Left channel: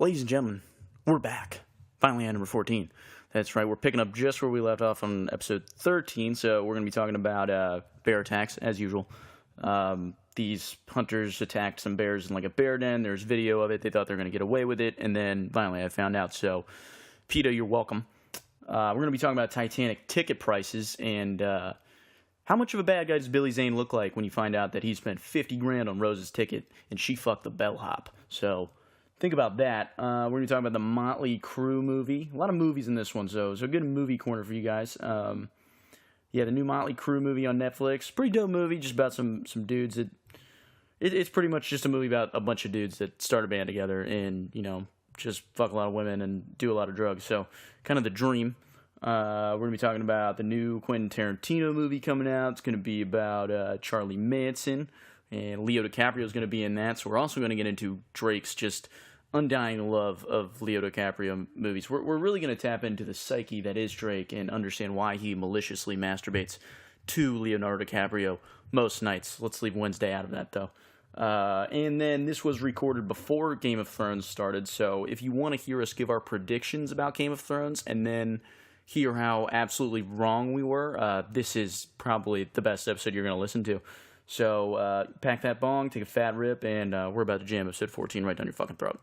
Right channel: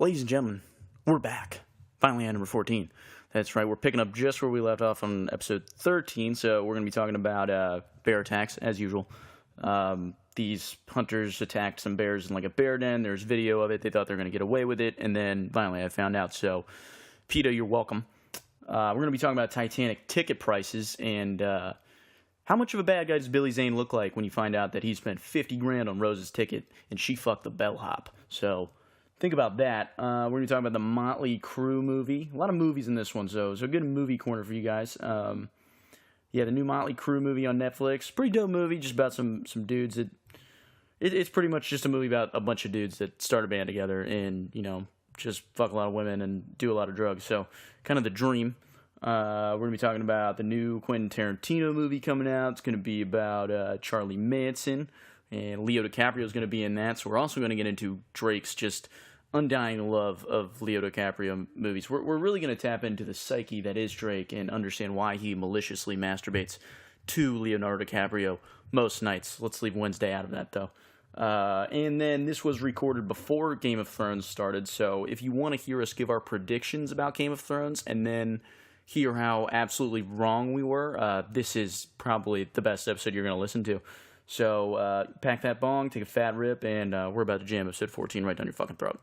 Ladies and gentlemen, we're back. Finally at number 14. That's right, we're picking up just where we left off on episode 13, so we're going to be talking about bear attacks, as usual. These hunters attacked some bears in like a bear den. There's video of it. They thought they were going to get away with it, and then finally I found out. So, PETA, you're welcome. We're going to be talking about Titanic ticket prices and how much of a bad guy does Billy Zane look like when you find out that he spent $50,000 on Rose's ticket and she fucked the bellhop. So think about that. We're going to be talking about the Motley Crue movie. A lot of movies in this one, so a good movie corner for you guys. Yeah, the new Motley Crue movie on Netflix. Pretty dope movie, just about some dudes that... It's pretty much just a movie about a bunch of dudes that start a band together and, you know, just fuck a lot of women and do a lot of drugs. So, kind of the dream. We're going to be talking about the new Quentin Tarantino movie coming out. It's going to be about Charlie Manson, and Leo DiCaprio is going to be in that. So we're also going to get into Drake's just undying love of Leo DiCaprio movies. We're really going to tap into the psyche that is Drake and understand why he maliciously masturbates to Leonardo DiCaprio most nights. Let's leave Wednesday out of that, though. And then this was recorded before Game of Thrones started, so if you want to hear us give our predictions about Game of Thrones and then hear how absolutely wrong we were, this is probably the best episode you're going to listen to. So pack that bong, take a fat rip, and we're about to jam episode 14 right down your fucking throat.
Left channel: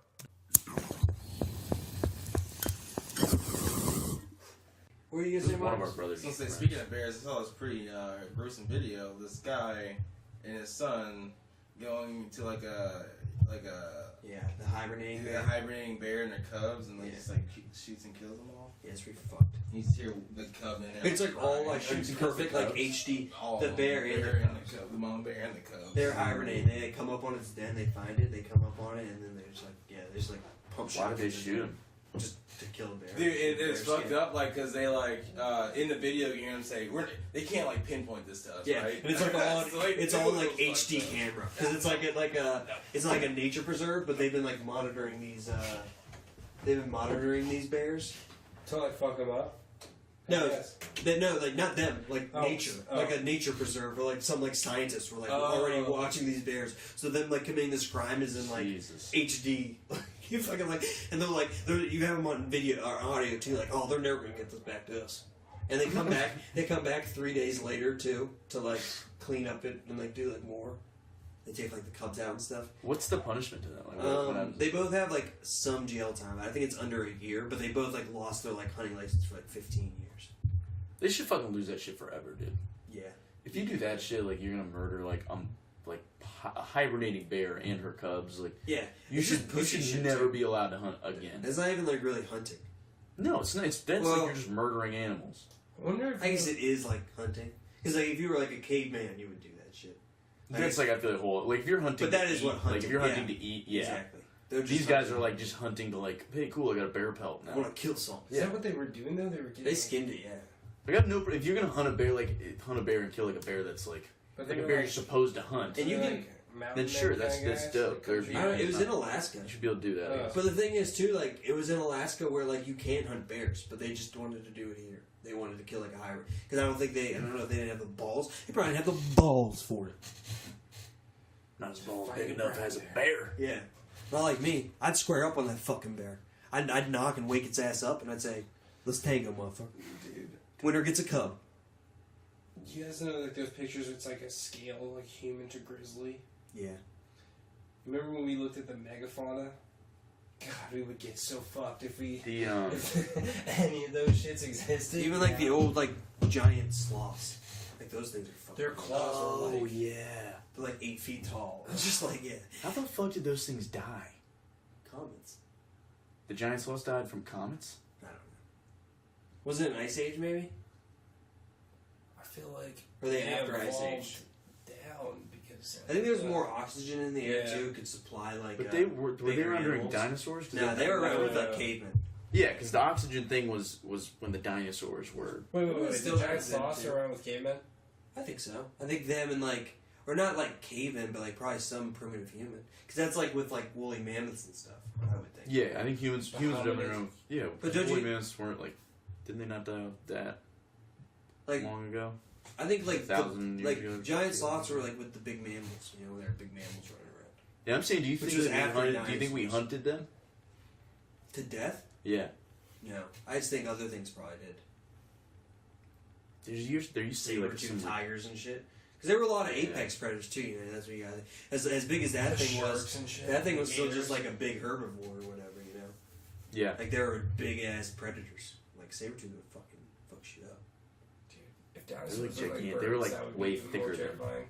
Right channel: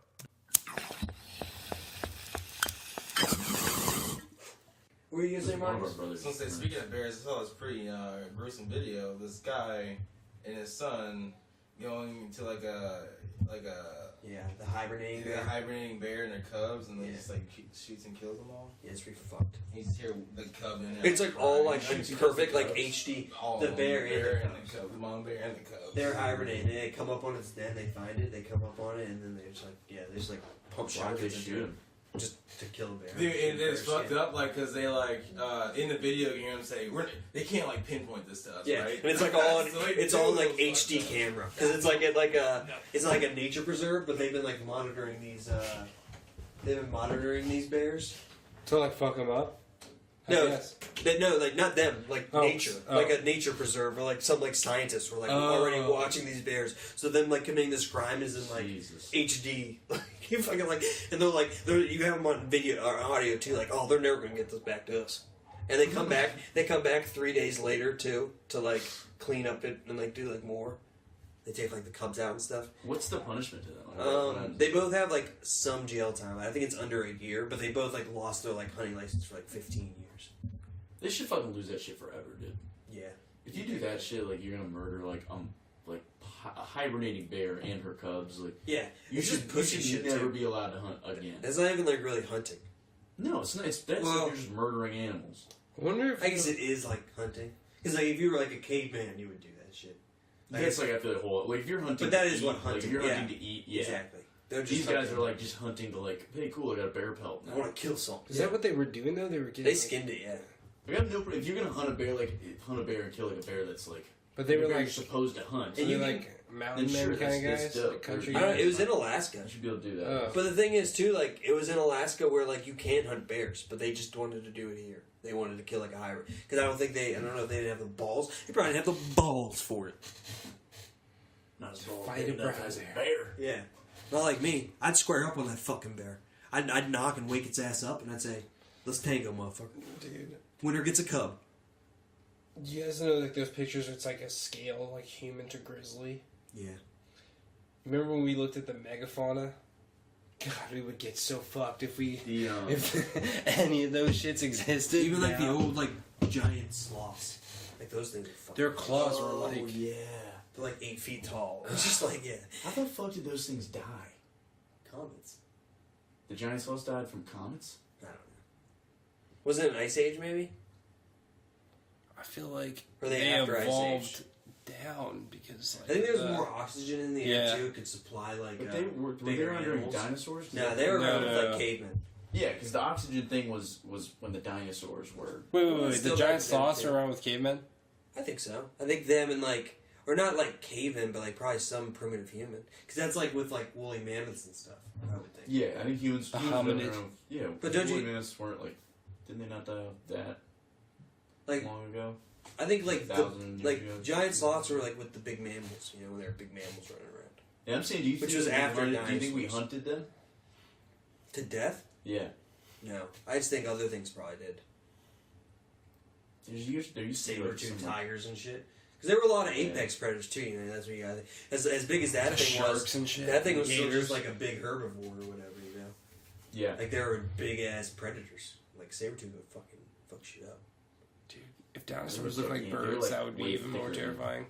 What are you gonna say, Mike? So speaking of bears, I saw this pretty gruesome video. This guy and his son going to like a the hibernating bear and their cubs, and they just like shoots and kills them all. Yeah, it's pretty fucked. You just hear the cub in it. It's like all like perfect like HD. The bear and the cub, the mom bear and the cubs. They're hibernating. They come up on its den. They find it. They come up on it, and then they just like pump Why shots. they shoot him? Just to kill a bear. Dude, it's fucked up, like, because they, like, in the video, you hear them say, they can't, like, pinpoint this stuff, yeah, right? and it's like all on, it's all like HD camera, because it's like it's like a nature preserve, but they've been like monitoring these bears. To like fuck them up? No, like not them, like nature, like a nature preserve, or like some like scientists were like already watching these bears. So them like committing this crime is in like HD. You fucking like, and they're like, you have them on video or audio too. Like, oh, they're never gonna get this back to us. And they come back. They come back 3 days later too to like clean up it and like do like more. They take like the cubs out and stuff. What's the punishment to that? Like, they both have like some jail time. I think it's under a year, but they both like lost their like hunting license for like 15 years. They should fucking lose that shit forever, dude. Yeah. If you do that shit, like you're gonna murder like a hibernating bear and her cubs. Like you should never be allowed to hunt again. It's not even like really hunting. No, it's not. That's like you're just murdering animals. I guess it is like hunting. Because like if you were like a caveman, you would do that shit. That's like after the whole like if you're hunting. But that is what hunting. Like if you're hunting to eat, exactly. These guys are like just hunting to like, hey, cool, I got a bear pelt now. I want to kill something. Is that what they were doing though? They skinned it, yeah. Like, I have no. If you're gonna hunt a bear, and kill like a bear that's like, but they were bear like you're supposed to hunt. And you like mountain then sure, kind of that's guys. dope. Like I don't know, it was in Alaska. You should be able to do that. But the thing is too, like it was in Alaska where like you can't hunt bears, but they just wanted to do it here. They wanted to kill like a hybrid because I don't know if they didn't have the balls. They probably didn't have the balls for it. Not as balls big enough as a bear. Yeah, not like me. I'd square up on that fucking bear. I'd knock and wake its ass up, and I'd say, "Let's tango, motherfucker." Dude, winner gets a cub. Do you guys know like those pictures where it's like a scale, like human to grizzly? Yeah. Remember when we looked at the megafauna? God, we would get so fucked if if any of those shits existed. Even like the old like giant sloths, like those things are fucking. Their claws were like yeah, they're like 8 feet tall. It's just like How the fuck did those things die? Comets. The giant sloths died from comets? I don't know. Was it an ice age maybe? I feel like or they after ice evolved age down because I think there was more oxygen in the air too. Could supply like. But were they around during dinosaurs? No, they were around with like cavemen. Yeah, because the oxygen thing was when the dinosaurs were. Wait. The giant sloths are around with cavemen? I think so. I think them and like, or not like cavemen, but like probably some primitive human. Because that's like with like woolly mammoths and stuff. I would think. Yeah, I think humans around. Yeah, but woolly mammoths weren't like. Didn't they not die of that? Like long ago. I think like ago. giant sloths were like with the big mammals. You know, when there were big mammals running around. Yeah, I'm saying, do you think we hunted them? To death? Yeah. No. I just think other things probably did. There used to be saber-tooth tigers and shit. Because there were a lot of apex predators too. You know, that's what you got. As big as that thing was, and shit. that thing was still just like a big herbivore or whatever. You know. Yeah. Like there were big ass predators. Like saber-tooth would fucking fuck shit up. Dude, if dinosaurs looked like birds, they were like that would be way even more thicker terrifying.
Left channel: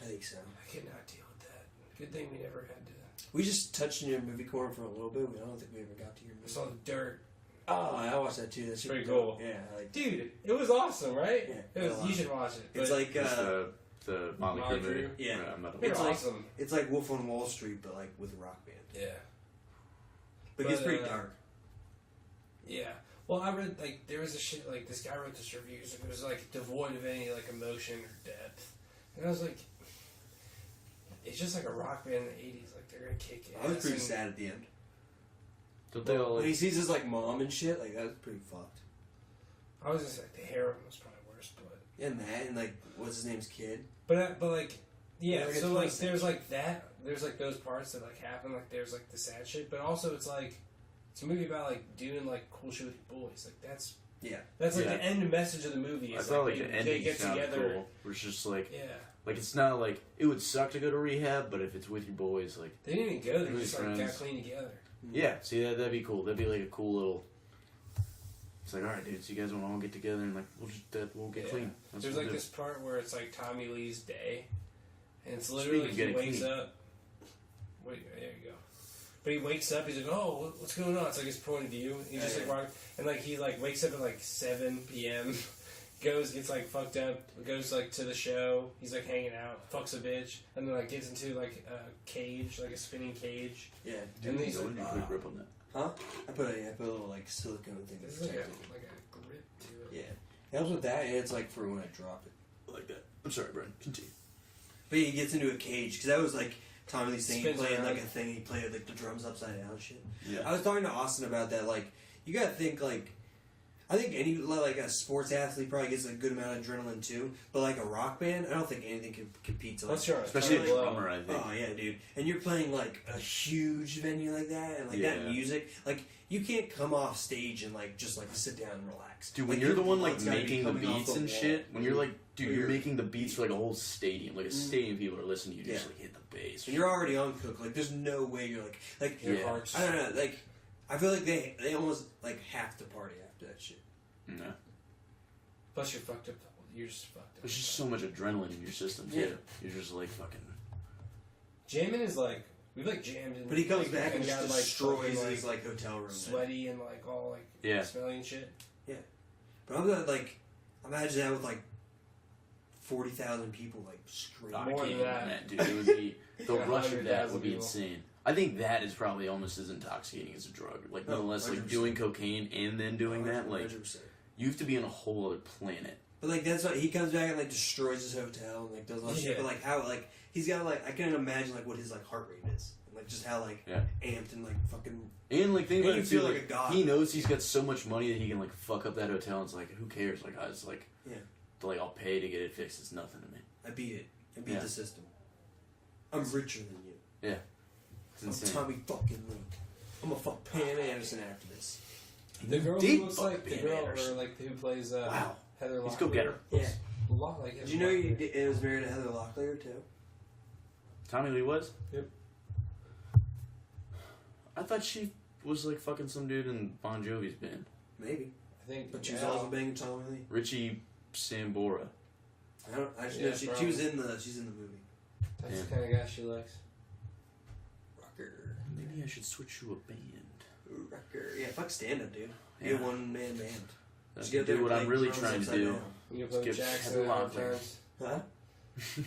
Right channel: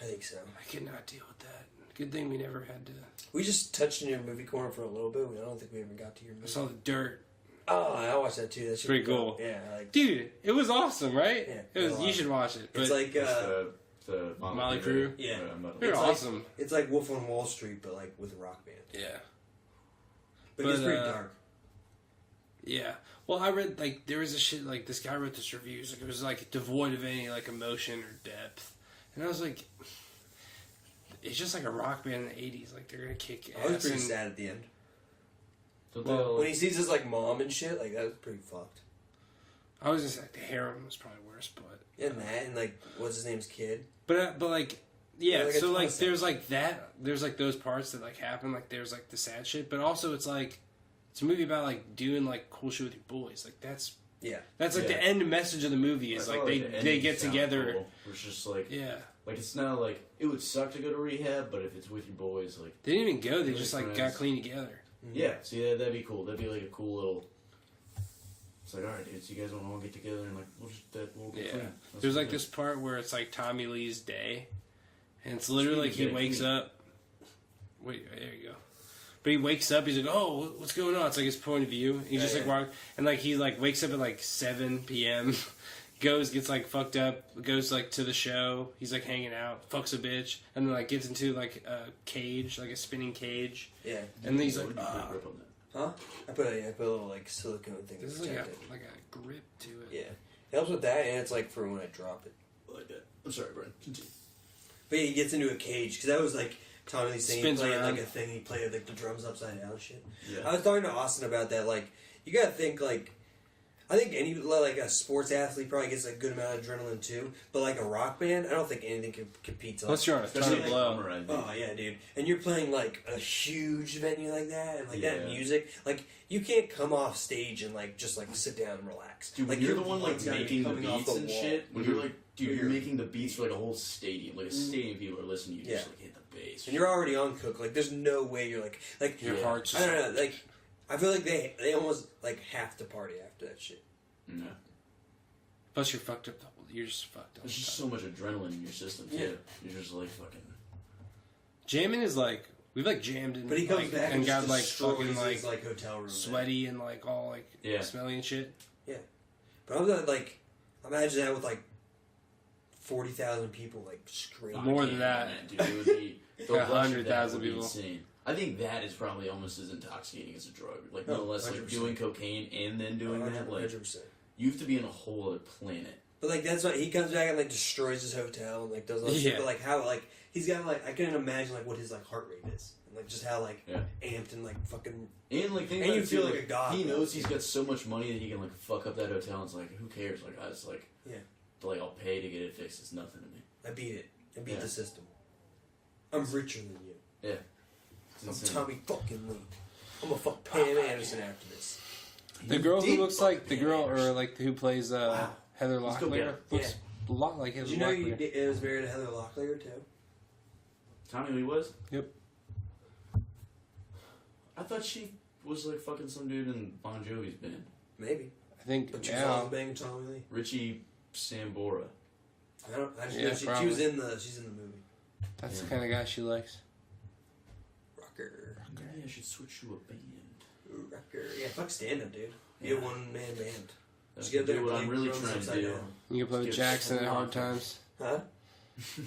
I think so. I could not deal with that. Good thing we never had to. We just touched in your movie corner for a little bit. I don't think we ever got to your movie. I saw the dirt. Oh, I watched that too. That's pretty cool. Yeah, like, dude, it was awesome, right? Yeah, It was. You should watch it. It's like the Molly Crew. Yeah. They're it's awesome. Like, it's like Wolf on Wall Street, but like with a rock band. Yeah. But it's pretty dark. Yeah. Well, I read like there was a shit like this guy wrote this review. It was like devoid of any like emotion or depth, and I was like, it's just like a rock band in the '80s. Like they're gonna kick ass. I was pretty sad at the end. Well, when he sees his like mom and shit, like that was pretty fucked. I was just like the heroin was probably worse, but yeah, that and like what's his name's kid. But like yeah, like so like there's like that. There's like those parts that like happen. Like there's like the sad shit, but also it's like it's a movie about like doing like cool shit with your boys. Like that's like the end message of the movie is like they get together. Cool. We're just like yeah. Like it's not like it would suck to go to rehab, but if it's with your boys, like they didn't even go. They just like got clean together. Yeah, see that'd be cool. That'd be like a cool little. It's like, all right, dude. So you guys want to all get together and like we'll get clean. There's like this part where it's like Tommy Lee's day, and it's literally like he wakes up. Wait, there you go. But he wakes up. He's like, "Oh, what's going on?" It's like his point of view. He's just like walking, and like he like wakes up at like 7 p.m. gets like fucked up, goes like to the show. He's like hanging out, fucks a bitch, and then like gets into like a cage, like a spinning cage. Yeah. And then he's like, grip on that. Huh? I put a little like silicone thing. This is like a grip to it. Yeah. It helps with that, and it's like for when I drop it. Like that. I'm sorry, Brian. Continue. But yeah, he gets into a cage because that was like Tommy Lee saying he Spins played around. like a thing. He played like the drums upside down and shit. Yeah. I was talking to Austin about that. Like you gotta think like. I think any like a sports athlete probably gets a good amount of adrenaline too, but like a rock band, I don't think anything can compete. Unless you're on a especially like, drummer, I think. Oh yeah, dude! And you're playing like a huge venue like that, and like that music, like you can't come off stage and like just like sit down and relax. Dude, when like, you're the one like gotta be making the coming off beats the and wall. shit, when you're like, dude, you're making the beats for like a whole stadium, like a stadium people are listening to you, just like hit the bass. And you're already on cook. Like there's no way you're like your heart's I don't know. Like I feel like they almost like have to party after that shit. No. Plus you're fucked up. You're just fucked up. There's just so much adrenaline in your system too. Yeah. You're just like fucking. Jamming is like we've like jammed in, But he comes like, back and got just like destroys fucking his like hotel room. sweaty and like all like smelly and shit. Yeah, but I'm not like imagine that with like 40,000 people like screaming. More than that, dude. It would be the Yeah, rush of that 100,000 would be people. insane. I think that is probably almost as intoxicating as a drug. Like no less like 100%. doing cocaine and then doing that. Like 100%. you have to be on a whole other planet. But like that's what he comes back and like destroys his hotel and like does all that shit. Yeah. But like how like he's got like I can imagine like what his like heart rate is and like just how like amped and like fucking And like think And about you it, feel too, like a god. He knows he's got so much money that he can like fuck up that hotel. And it's like who cares? Like I was like like I'll pay to get it fixed. It's nothing to me. I beat it. I beat the system. I'm richer than you. Yeah. I'm Tommy fucking Lee. I'm gonna fuck Pam Anderson after this. The girl did who looks fuck like the Pam girl Anderson. or like who plays Wow. Heather Let's go get Locklear her. looks a lot like Heather Did you know Locklear. it was married to Heather Locklear too? Tommy Lee was? Yep. I thought she was like fucking some dude in Bon Jovi's band. Maybe. I think But she was also banging Tommy Lee. Richie Sambora. I just Yeah, know she's probably. in the movie. that's the kind of guy she likes. Rocker. Maybe I should switch to a band. Rocker. Yeah, fuck stand up, dude. Be Yeah. a one man band. That's Just get there and what play I'm really drums trying to upside do. down. You can play with Skip Jackson at hard Hawthorne. times. Huh?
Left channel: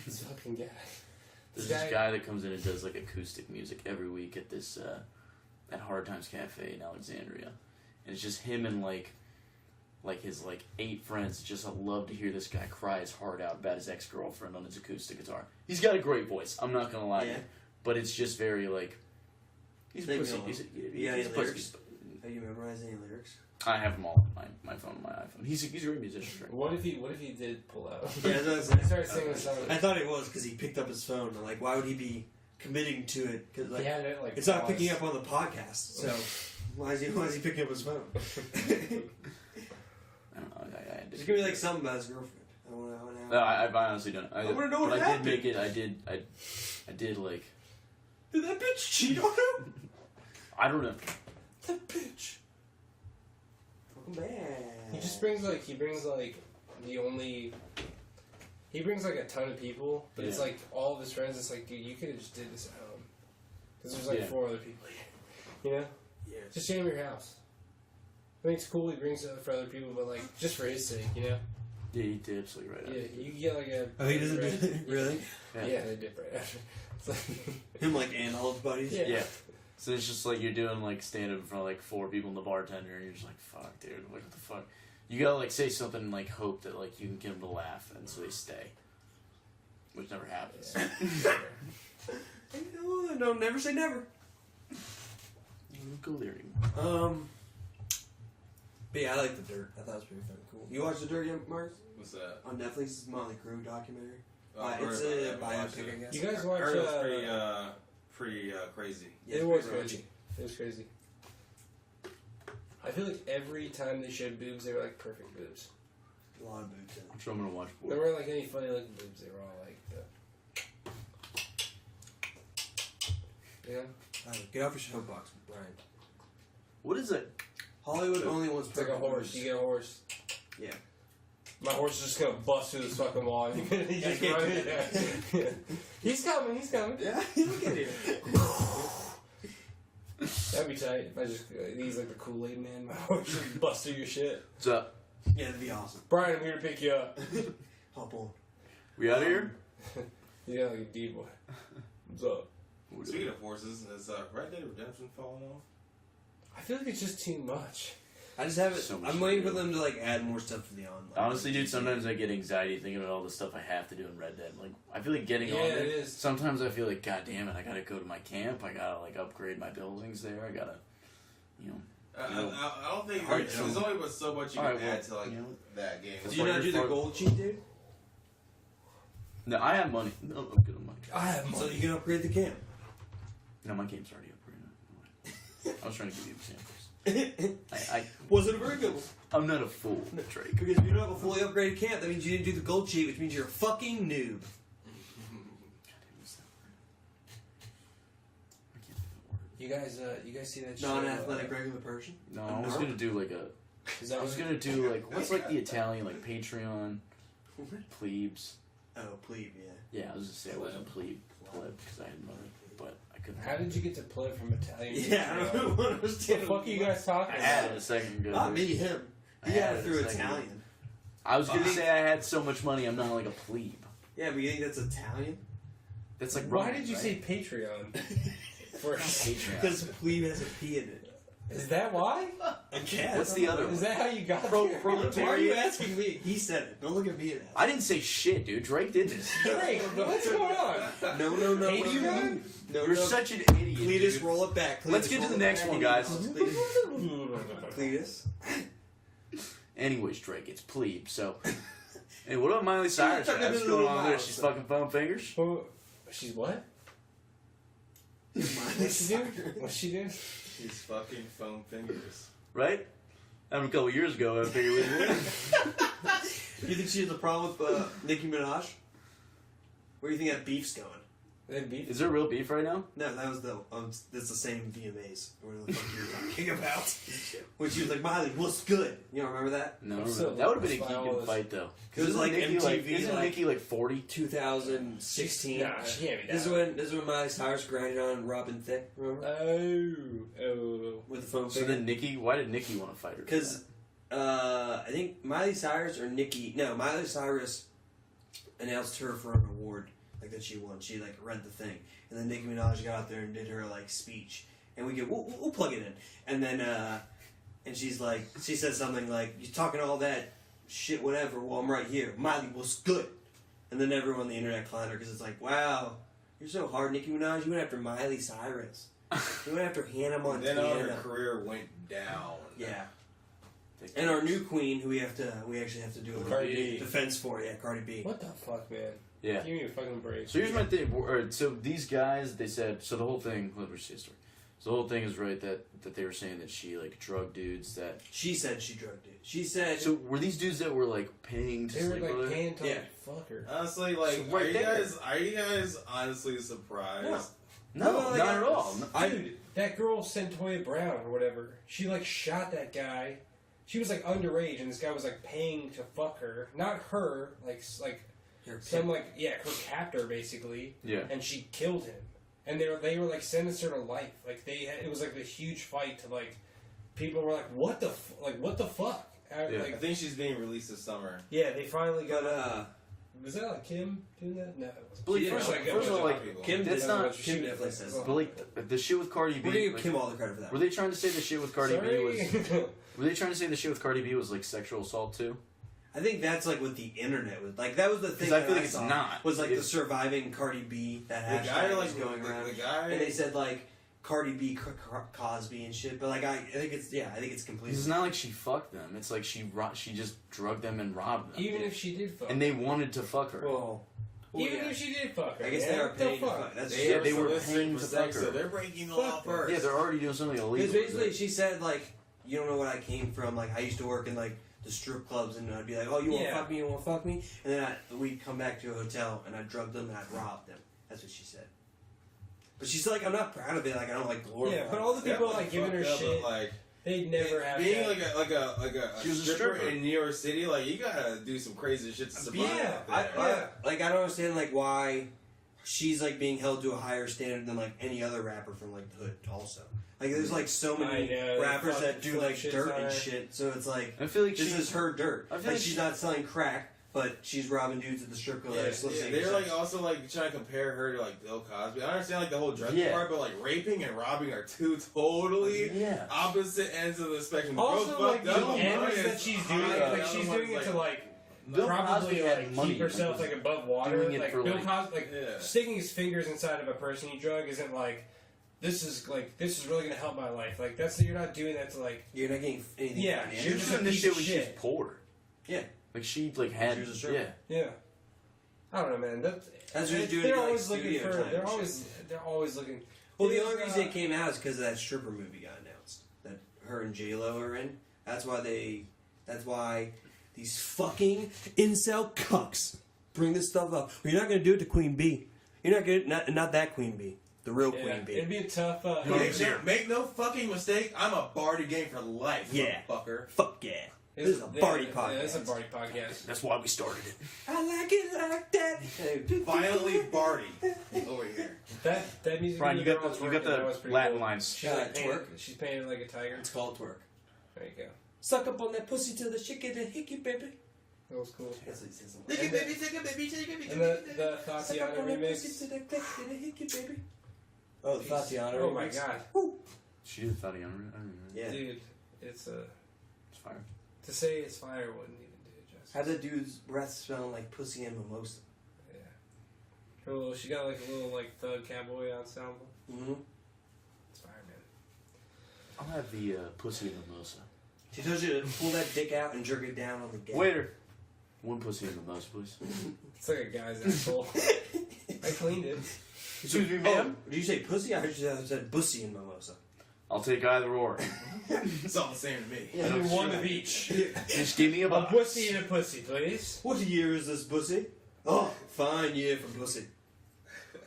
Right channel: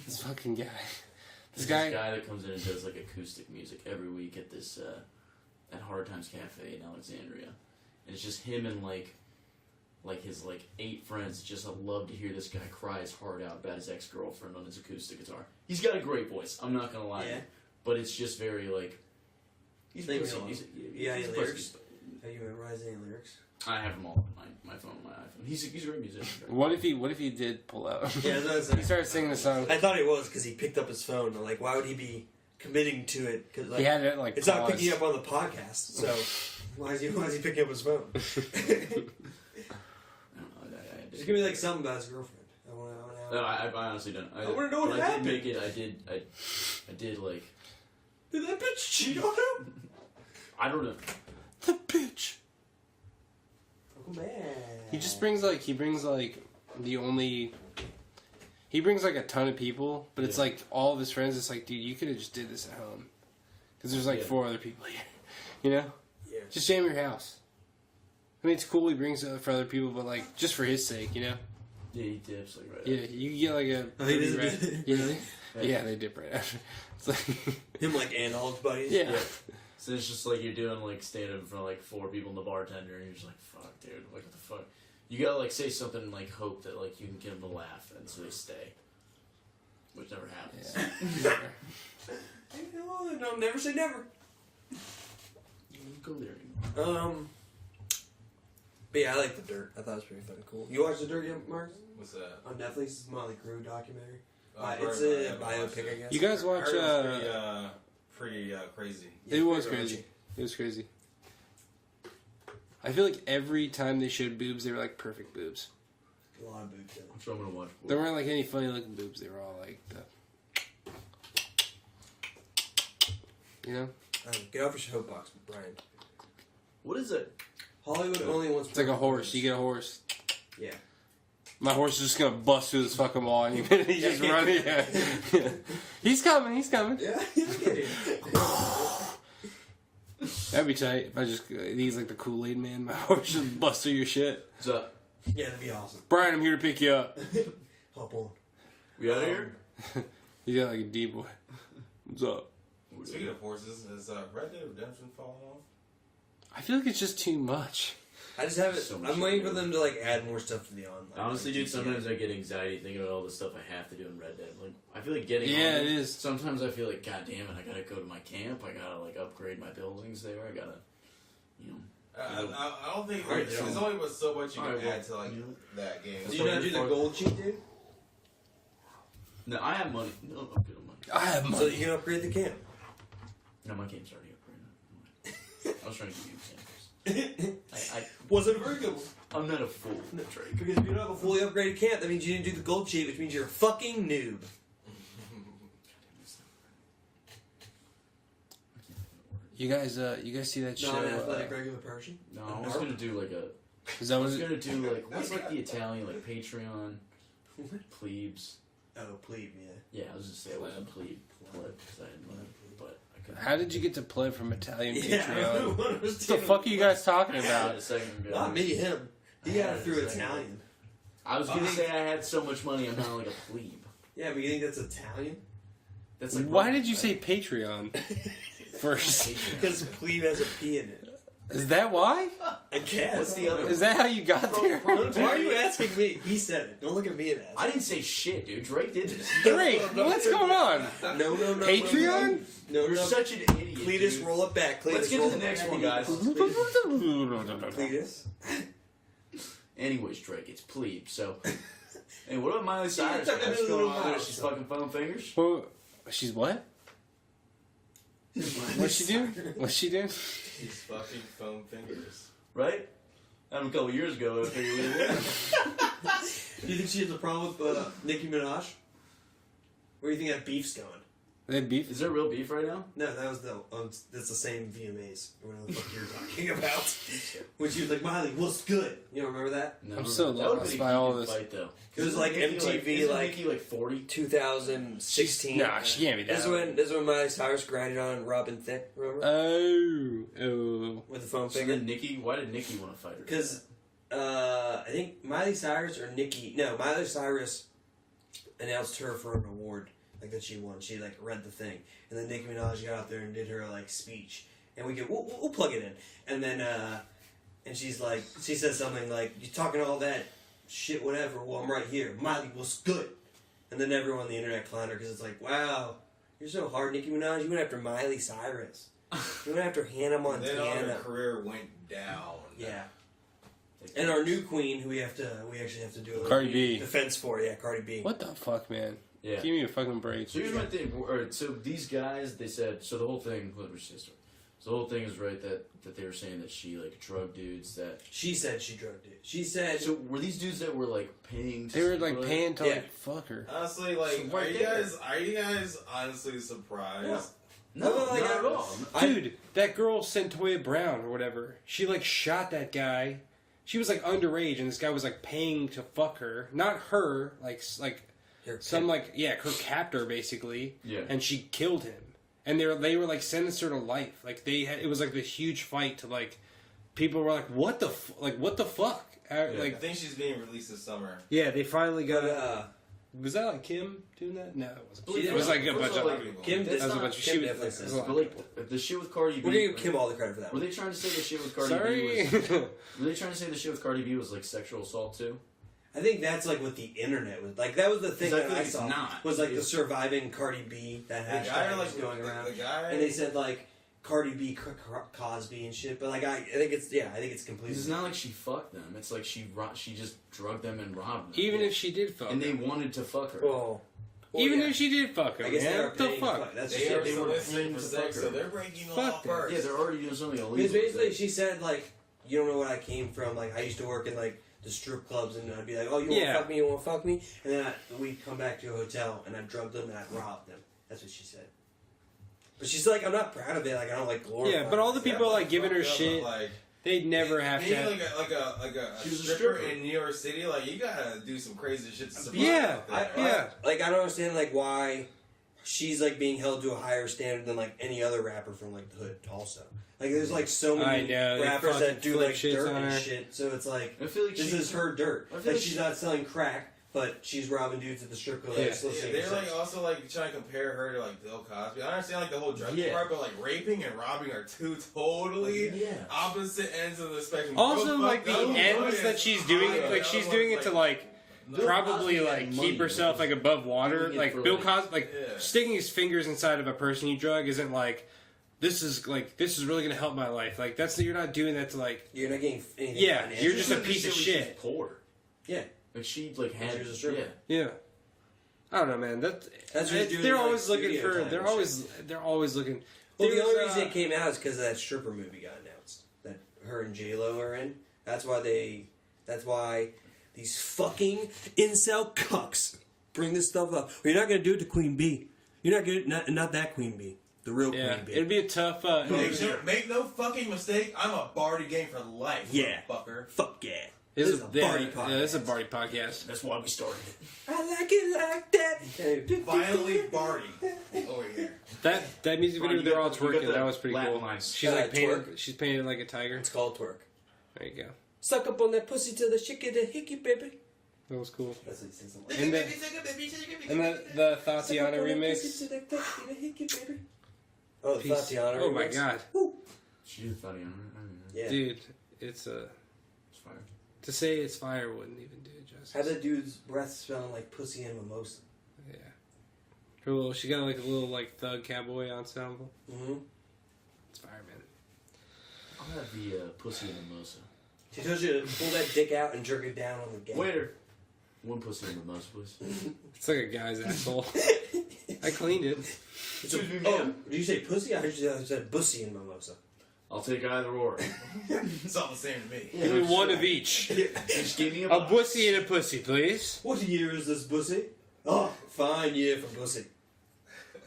This fucking guy. This guy that comes in and does like acoustic music every week at this at Hard Times Cafe in Alexandria, and it's just him and like his like 8 friends. Just love to hear this guy cry his heart out about his ex-girlfriend on his acoustic guitar. He's got a great voice. I'm not gonna lie to you, but it's just very like he's Think pussy. so. He's Any pussy. lyrics? Have you memorized any lyrics? I have them all on my phone, on my iPhone. He's a great musician. What if he did pull out? Yeah, that's what I was He saying. started singing the song. I thought he was because he picked up his phone. I'm like, why would he be committing to it because He had it like it's not picking up on the podcast. So why is he picking up his phone? I don't know. There's gonna be like something about his girlfriend. No, I honestly don't. I wanna know what but happened. I did make it. I did like. Did that bitch cheat on him? I don't know. the bitch. Oh, man. He brings like a ton of people, but it's Yeah. like all of his friends. It's like, dude, you could have just did this at home, because there's like Yeah. 4 other people here. You know, Yeah. just jam your house. I mean, it's cool he brings it for other people, but like just for his sake, you know. Yeah, he dips like right. Yeah, you get like a. Oh, he doesn't do red- that? Really? Yeah, they dip right after. It's like Him like Anhal's buddies? yeah. Yeah. So it's just like you're doing like stand up in front of like 4 people and the bartender, and you're just like, fuck, dude, what the fuck? You gotta like say something and like hope that like you can get them to laugh, and so they stay, which never happens. Yeah. No, don't never say never. Go there anymore. But yeah, I like The Dirt. I thought it was pretty fucking cool. You watched The Dirt yet, Mark? What's that? On Netflix, it's a Motley Crue documentary. I've It's heard a about it, I haven't watched biopic, I it. guess. You guys watch? Heard it was pretty crazy. Yeah, It was pretty crazy. raunchy. It was crazy. I feel like every time they showed boobs, they were like perfect boobs. A lot of boobs in it. I'm sure I'm gonna watch. There weren't like any funny looking boobs. They were all like the. You know? Get off your soapbox, Brian. What is it? Hollywood only wants. It's like a horse. You get a horse. Yeah. My horse is just gonna bust through this fucking wall. And he's just Yeah. running. Yeah. He's coming. He's coming. Yeah, look at him. That'd be tight. If I just he's like the Kool-Aid man. My horse just bust through your shit. What's up? Yeah, that'd be awesome. Brian, I'm here to pick you up. Hop on. We out of here? You got like a D boy. What's up? Speaking of horses, is Red Dead Redemption falling off? I feel like it's just too much. I just haven't. So much I'm to waiting do. for them to like add more stuff to the online. Honestly, like dude, GTA. sometimes I get anxiety thinking about all the stuff I have to do in Red Dead. Like, I feel like getting Yeah, on it is. Sometimes I feel like, god damn it, I gotta go to my camp. I gotta like upgrade my buildings there. I gotta, you know. I don't think Alright, there's only but so much you can Alright, well, add to like you know. that game. Do you not do the gold cheat, dude? No, I have money. No, I'm good on money. I have So you can upgrade the camp. No, my game's already upgraded. I was trying to give you examples. Was it very good? I'm not a fool, Drake. Because if you don't have a fully upgraded camp, that means you didn't do the gold cheat, which means you're a fucking noob. You guys see that show? Non-athletic regular person. No, I was gonna do like a. Is that I what was it- gonna do like what's like the Italian like Patreon, plebes. Oh, plebe, yeah. Yeah, I was just saying I wasn't plebe because I had money, but I couldn't. How did you get to play from Italian? Yeah, I Patreon? don't What understand. the fuck are you guys talking I about? had a second ago. Not me, him. He got it through Italian. I was gonna say I had so much money. I'm not like a plebe. Yeah, but you think that's Italian? That's like Why Roman, did you right? say Patreon first? Patreon. Because plebe has a P in it. Is that why? I guess. What's the other Is that how you got there? Why are you asking me? He said it. Don't look at me and ask. I didn't say shit, dude. Drake did this. Drake, what's going on? No. Patreon? No. You're such an idiot. Cletus, dude. roll it back. Cletus, Let's get to roll the it next back. one, guys. Cletus. Anyways, Drake, it's plebe. So, hey, what about Miley Cyrus? talking What's about going little on there? mouse. She's fucking foam fingers. Well, she's what? What's she do? What's she do? He's fucking foam fingers. Right? A couple years ago, I figured You think she has a problem with Nicki Minaj? Where do you think that beef's going? They had beef. Is there real beef right now? No, that was that's the same VMAs. Or whatever the fuck you're talking about. When she was like, Miley, what's good? You don't remember that? No, I'm so that would have lost been a by all good this. fight, though. It was like Isn't Nicki, MTV, isn't like- Nicki like 40? 2016. Nah, she can't be that. This is when Miley Cyrus grinded on Robin Thicke, remember? Oh. With the phone So finger. then Nicki, why did Nicki want to fight her? Because I think Miley Cyrus or Nicki, no, Miley Cyrus announced her for an award like that she won. She like read the thing, and then Nicki Minaj got out there and did her like speech, and we'll plug it in, and then and she's like, she said something like, "You talking all that shit, whatever? Well, I'm right here. Miley, what's good?" And then everyone on the internet clowned her because it's like, "Wow, you're so hard, Nicki Minaj. You went after Miley Cyrus. You went after Hannah And then all Montana." her career went down. Yeah. And our new queen, who we actually have to do a Cardi B. defense for, Cardi B. What the fuck, man? Yeah. Give me a fucking break. So here's my thing. So these guys, they said, so the whole thing, let me see the story. So the whole thing is right that they were saying that she like drugged dudes that. She said she drugged it. She said. So were these dudes that were like paying to They were sleep like with her? paying to Yeah. like fuck her. Honestly, like, So right are you guys honestly surprised? No, like, not at all. Dude, that girl Centoya Brown or whatever, she like shot that guy. She was like underage, and this guy was like paying to fuck her. Not her, like some like her captor basically. Yeah. And she killed him. And they were like sentenced her to life. Like it was like this huge fight to like people were like what the fuck? I Like think she's being released this summer. yeah, they finally got. But Was that like Kim doing that? No, it wasn't. Believe It was like a bunch of like, people. Kim, It that's was a not. bunch of- Kim she was- definitely it says. was But like the shit with Cardi B. We're gonna give Kim all the credit for that. Were they trying to say the shit with Cardi B was? Sorry. Were they trying to say the shit with Cardi B was like sexual assault too? I think that's like what the internet was like. That was the thing 'Cause I that feel I like it's saw not. was like the It's- surviving Cardi B that The hashtag guy, was like, going around. the guy. And they said like Cardi B, Cosby and shit. But like I think it's completely. Because it's not like she fucked them. It's like she just drugged them and robbed them. Even if she did fuck, and they wanted to fuck her. Well, even yeah. if she did fuck her, I guess man, they are what the paying to fuck? fuck. That's They, true. they were soliciting paying for to sex, fuck so her. they're breaking the Fuck law them. first. Yeah, they're already doing something illegal. Because basically she said like, you don't know what I came from. Like I used to work in like the strip clubs, and I'd be like, oh, you want to Yeah. fuck me? You want to fuck me? And then we'd come back to a hotel, and I drugged them and I robbed them. That's what she said. But she's like, I'm not proud of it. Like I don't like glorify. Yeah, but all the it. people like giving her Fucked up, shit, but, like, they'd never have being to. like a She was a stripper stripper. in New York City. Like you gotta do some crazy shit to survive. Yeah, out there. yeah. Like I don't understand like why she's like being held to a higher standard than like any other rapper from like the hood. Also, like there's like so many I know, they rappers fucking that do flip like shits dirt on and her. shit. So it's like I feel like this she- is her dirt. I feel Like like she's she- not selling crack, but she's robbing dudes at the strip club. Yeah. Like, still Yeah, saying they're sex. like also like trying to compare her to like Bill Cosby. I understand like the whole drug Yeah. part, but like raping and robbing are two totally Yeah. opposite ends of the spectrum. Also, Bro, like fuck the them. ends Yeah. that she's doing, Yeah, like the she's other doing one's it to like Bill probably Cosby had like money, keep herself like, like above water. doing it Like for, Bill like- Cosby, like Yeah. sticking his fingers inside of a person you drug isn't like this is really gonna help my life. Like you're not doing that to like You're not getting anything. Yeah, financial. you're just a doing this piece of when shit. She's poor. Yeah. Like she like had. She was a stripper. yeah. I don't know, man. That's what you're doing, they're like, always looking studio for. time They're and always looking. Well, the There's, only reason it came out is because of that stripper movie got announced that her and J Lo are in. That's why these fucking incel cucks bring this stuff up. Well, you're not gonna do it to Queen B. You're not gonna not that Queen B, the real Yeah, Queen B. it'd be a tough. Make no fucking mistake. I'm a Barty game for life. Yeah. fucker. Fuck yeah. This is a party podcast. Yeah, this is a party podcast. That's why we started it. I like it like that. Violently Barty over here. That music Brian, video you got girl the- you twerking. got the That was pretty Latin cool. lines. She's like painted. She's painted like a tiger. It's called twerk. There you go. Suck up on that pussy till the shit get a hickey, baby. That was cool. That's what he says. And the Tatiana remix. Oh, the Tatiana remix. Oh my god, She did Tatiana. I don't know. Yeah. dude, it's It's fire. to say it's fire wouldn't even do it justice. Have that dude's breath smelling like pussy and mimosa. Yeah. Her little, she got like a little like thug cowboy ensemble. Mm-hmm. It's fire, man. I'll have the pussy and mimosa. She tells you to pull that dick out and jerk it down on the gate. Waiter. One pussy and mimosa, please. It's like a guy's asshole. I cleaned it. Excuse me, ma'am. Did you say pussy? I heard you said bussy and mimosa. I'll take either or. It's all the same to me. Give me one of each. Just give me a A box. pussy and a pussy, please. What year is this bussy? Oh, fine year for bussy.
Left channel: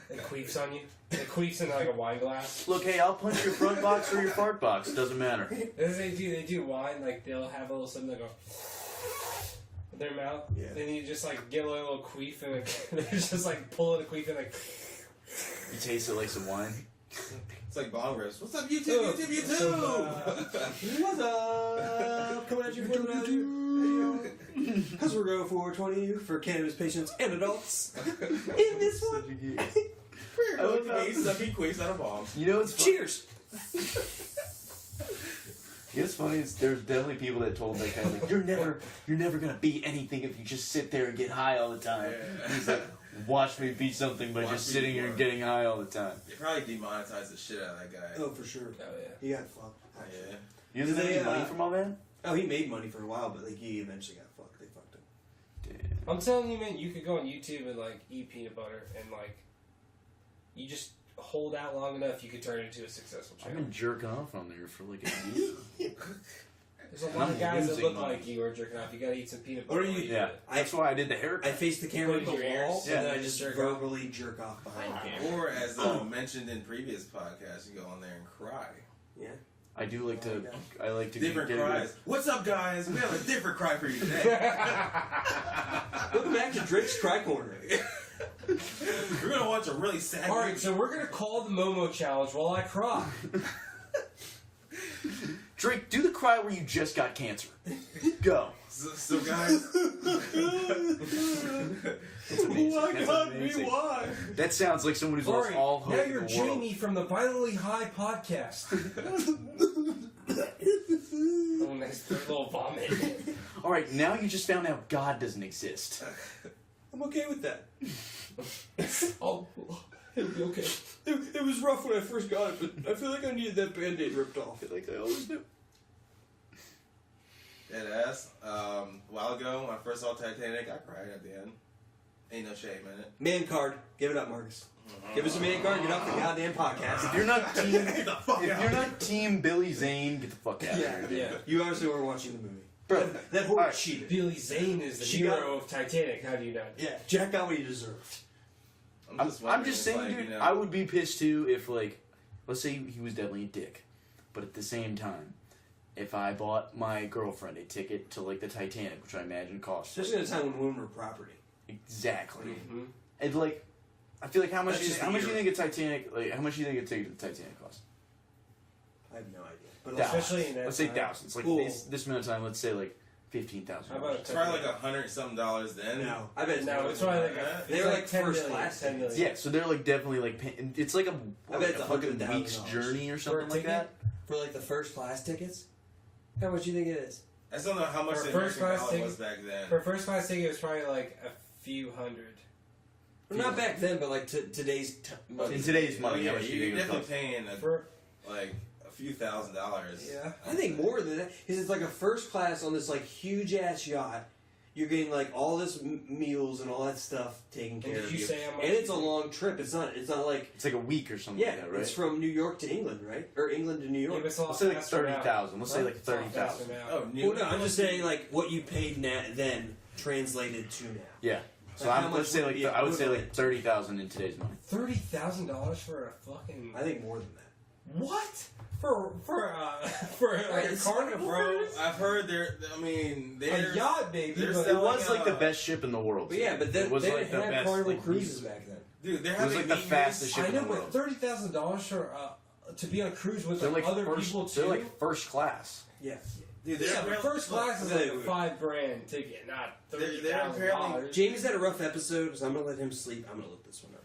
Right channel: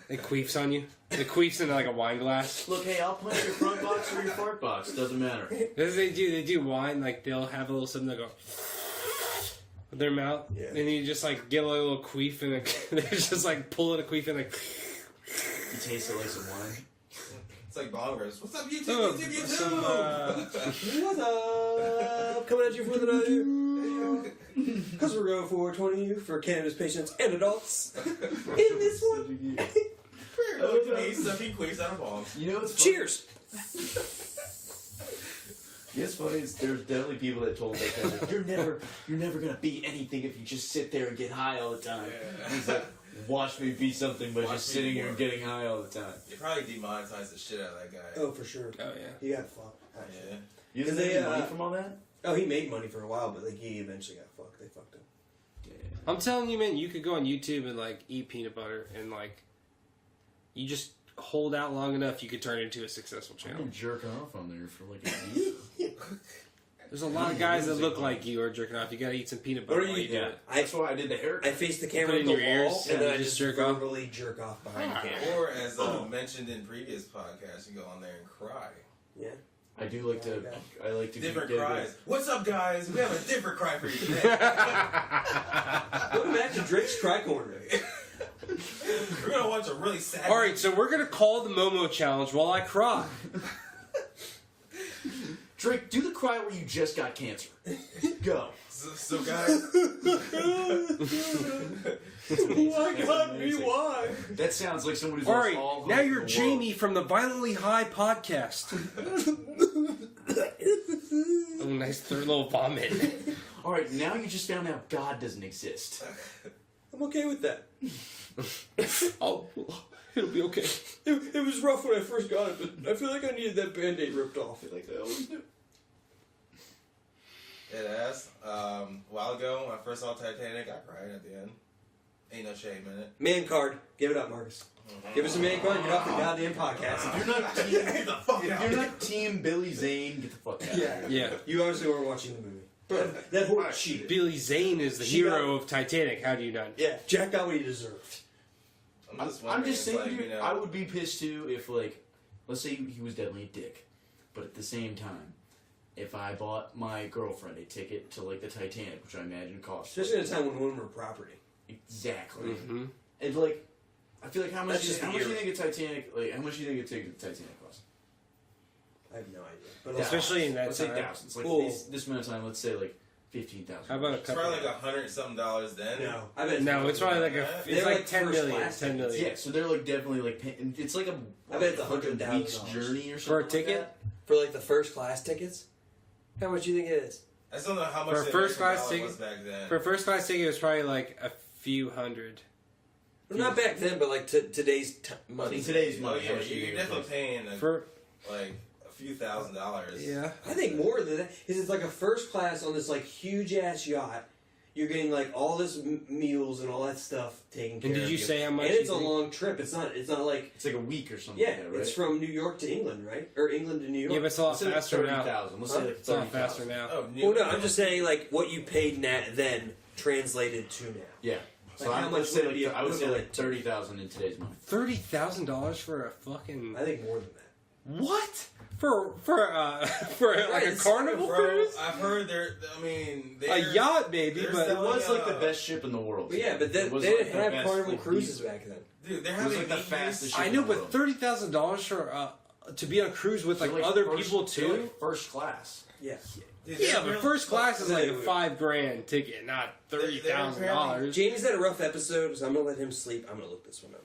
It queefs on you. It queefs into like a wine glass. Look, hey, I'll punch your front box or your fart box. Doesn't matter. That's what they do. They do wine. Like they'll have a little something that go with their mouth, Yeah. and you just like get a little queef, and they're just like pulling a queef and like. You taste it like some wine. It's like bong rips. What's up, YouTube? Oh, YouTube, some, YouTube! What's up? Coming at you for the because we're going for 20 for cannabis patients and adults. In this one. Look at me sucking queefs out of bombs. You know what's funny? Cheers. It's funny. There's definitely people that told that guy that you're never gonna be anything if you just sit there and get high all the time. Yeah. He's like, watch me be something by Watch just me sitting be here and more. getting high all the time. They probably demonetized the shit out of that guy. Oh, for sure. Oh yeah. He got fucked. Yeah. You didn't They, make any money from all that? Oh, he made money for a while, but like he eventually got fucked. They fucked him. Damn. I'm telling you, man, you could go on YouTube and like eat peanut butter and like you just hold out long enough, you could turn it into a successful I'm channel. gonna jerk off on there for like a year. There's a lot of guys that look like you are jerking off. You gotta eat some peanut butter. What are you? Yeah, that's why I did the haircut. I face the camera Put in in the your wall, ears, and then yeah, I just just jerk off. verbally jerk off behind the camera. Or as mentioned in previous podcasts, you go on there and cry. Yeah. I do like to. I like to Different get cries. What's up, guys? We have a different cry for you today. Welcome back to Drake's Cry Corner. We're gonna watch a really sad. All right, so we're gonna call the Momo challenge while I cry. Drake, do the cry where you just got cancer. Go. So guys, Why? That sounds like someone who's All lost right, all hope now in you're the Jamie from the Violently High podcast. Oh, nice third little vomit. world. All right, now you just found out God doesn't exist. I'm okay with that. Oh, it'll be okay. It was rough when I first got it, but I feel like I needed that Band-Aid ripped off. Like I always do. deadass. A while ago when I first saw Titanic, I cried at the end. Ain't no shame in it. Man card. Give it up, Marcus. Give us a man card. Get off the goddamn podcast. If you're not team, Get the fuck if out. you're not team Billy Zane, get the fuck out. Yeah. Yeah. You obviously weren't watching the movie. Bro, that horse Alright. cheated. Billy Zane is the She hero of Titanic. How do you not? Yeah, Jack got what he deserved. I'm wondering, just saying, it's like, dude, you know, I would be pissed too if, like, let's say he was definitely a dick, but at the same time, if I bought my girlfriend a ticket to like the Titanic, which I imagine costs Especially at a time when women were property. exactly, Mm-hmm. and like, I feel like how much That's do you, just how the much do you era. think a Titanic, like, how much do you think a ticket to the Titanic costs? I have no idea. But Thousands. Especially in that let's say time. thousands, like Cool. this amount of time. Let's say like $15,000. How about a it's probably like $100-something then. no, I bet No, it's probably like a. They're It's like like 10 first million. class 10 million. Yeah, so they're like definitely like paying, it's like a I bet it's like a fucking $100,000 week's journey or For a something like ticket? that. for like the first class tickets. How much do you think it is? I still don't know how much For a the first American class dollar ticket- was back then. For a first class ticket, it was probably like a few hundred. Well, not back then, but like today's money. In today's Oh, money, yeah, how much do you you're think it definitely costs? paying For like a few $1,000s. yeah. I think more than that. Because it's like a first class on this like huge ass yacht. You're getting like all this meals and all that stuff taken care And of. did you say how much? And it's a you think? long trip. It's not like It's like a week or something. yeah. like that, right? It's from New York to England, right? Or England to New York. Yeah, but it's a lot Let's say like faster now. 30,000. Let's say like It's a lot faster 30,000. now. Oh, Well, no, I'm just saying like what you paid then translated to now. Yeah. So Like, how I'm, much let's say would it like be I would say like equivalent? 30,000 in today's money. $30,000 for a fucking I think more than that. what? For like Right, a it's carnival Bro, cruise? I've heard they're. I mean, they're A yacht, baby. they're But It was like the uh, best ship in the world. But yeah, but then It was they like didn't the have best, carnival like, cruises back then. dude, they're It was having like the meetings. fastest ship I in know, the but world. $30,000 for to be on a cruise with They're like, like other first- people they're too. like first class. Yeah. Dude, Yeah, they're but real- first class is like Wait. $5,000 ticket, not They're $30,000. Jamie's had a rough episode, so I'm gonna let him sleep. I'm gonna look this one up.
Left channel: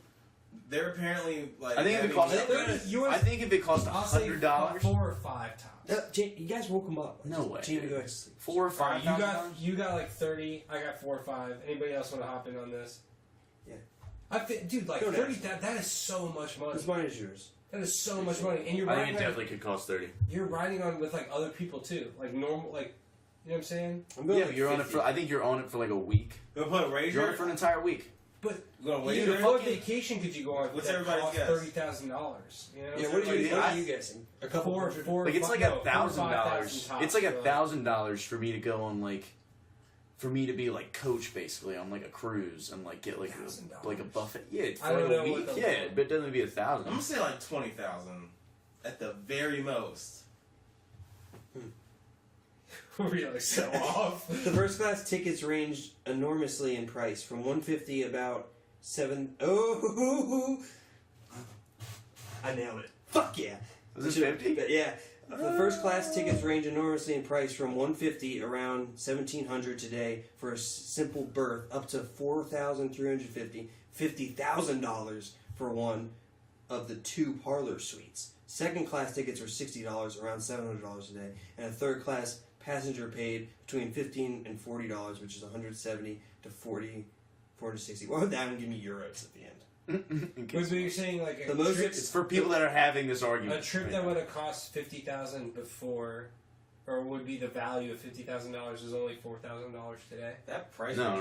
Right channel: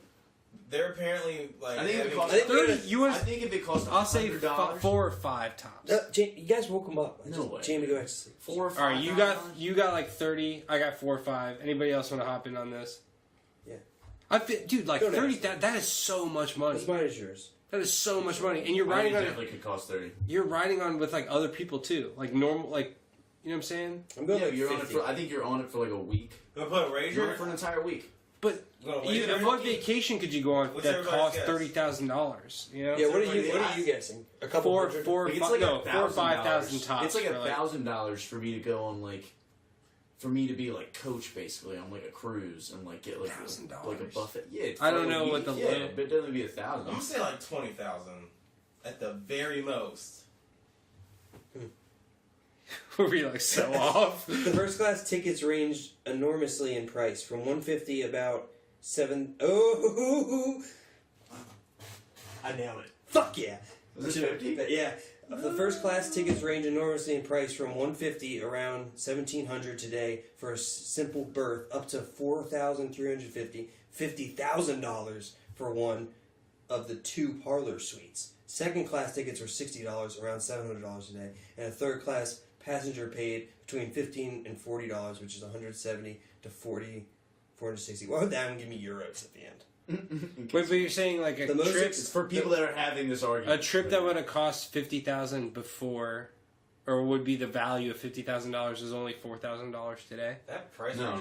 They're apparently like. I think if it having- cost I think we're gonna- You I want? think if it cost I'll say $100, 4 or 5 tops. You guys woke him up. No way. Jamie, go back to sleep. 4 or All 5. right, you got like 30. I got 4 or 5. Anybody else want to hop in on this? Yeah. Dude, like Go 30. next. That is so much money. This mine is yours. That is so much money, and you're I think riding it on. definitely could cost 30. You're riding on with like other people too, like normal, like you know what I'm saying. I'm going Yeah, like you're 50. on it for. I think you're on it for like a week. Gonna put a You're on Razor it for an entire week. But Gonna wait even for what it? vacation could you go on What's that everybody's costs guess? $30,000? You know, Yeah, what are Everybody you? What thinks- are you guessing? A couple four, hundred? four, Like it's fi- like no, $1,000. 4,000 or 5,000 tops. It's like for, $1,000 for me to go on like, for me to be like coach basically on like a cruise and like get like $1,000. like a buffet. Yeah, I for don't a know week, what the yeah, little- but it doesn't be I'm $1,000. gonna say like 20,000 at the very most. We're really so off. The first class tickets ranged enormously in price, from $150 about $7. Oh, I nailed it! Fuck yeah! Was it 50? But yeah, the first class tickets range enormously in price, from $150 around $1,700 today for a simple berth, up to $4,350, $50,000 for one of the 2 parlor suites. Second class tickets are $60, around $700 today, and a third class passenger paid between $15 and $40, which is $170 to $460. Why would that one give me euros at the end? Wait, but you're saying like a The most trip, It's for people that are having this a argument. trip that would have cost $50,000 before or would be the value of $50,000 is only $4,000 today? That price No.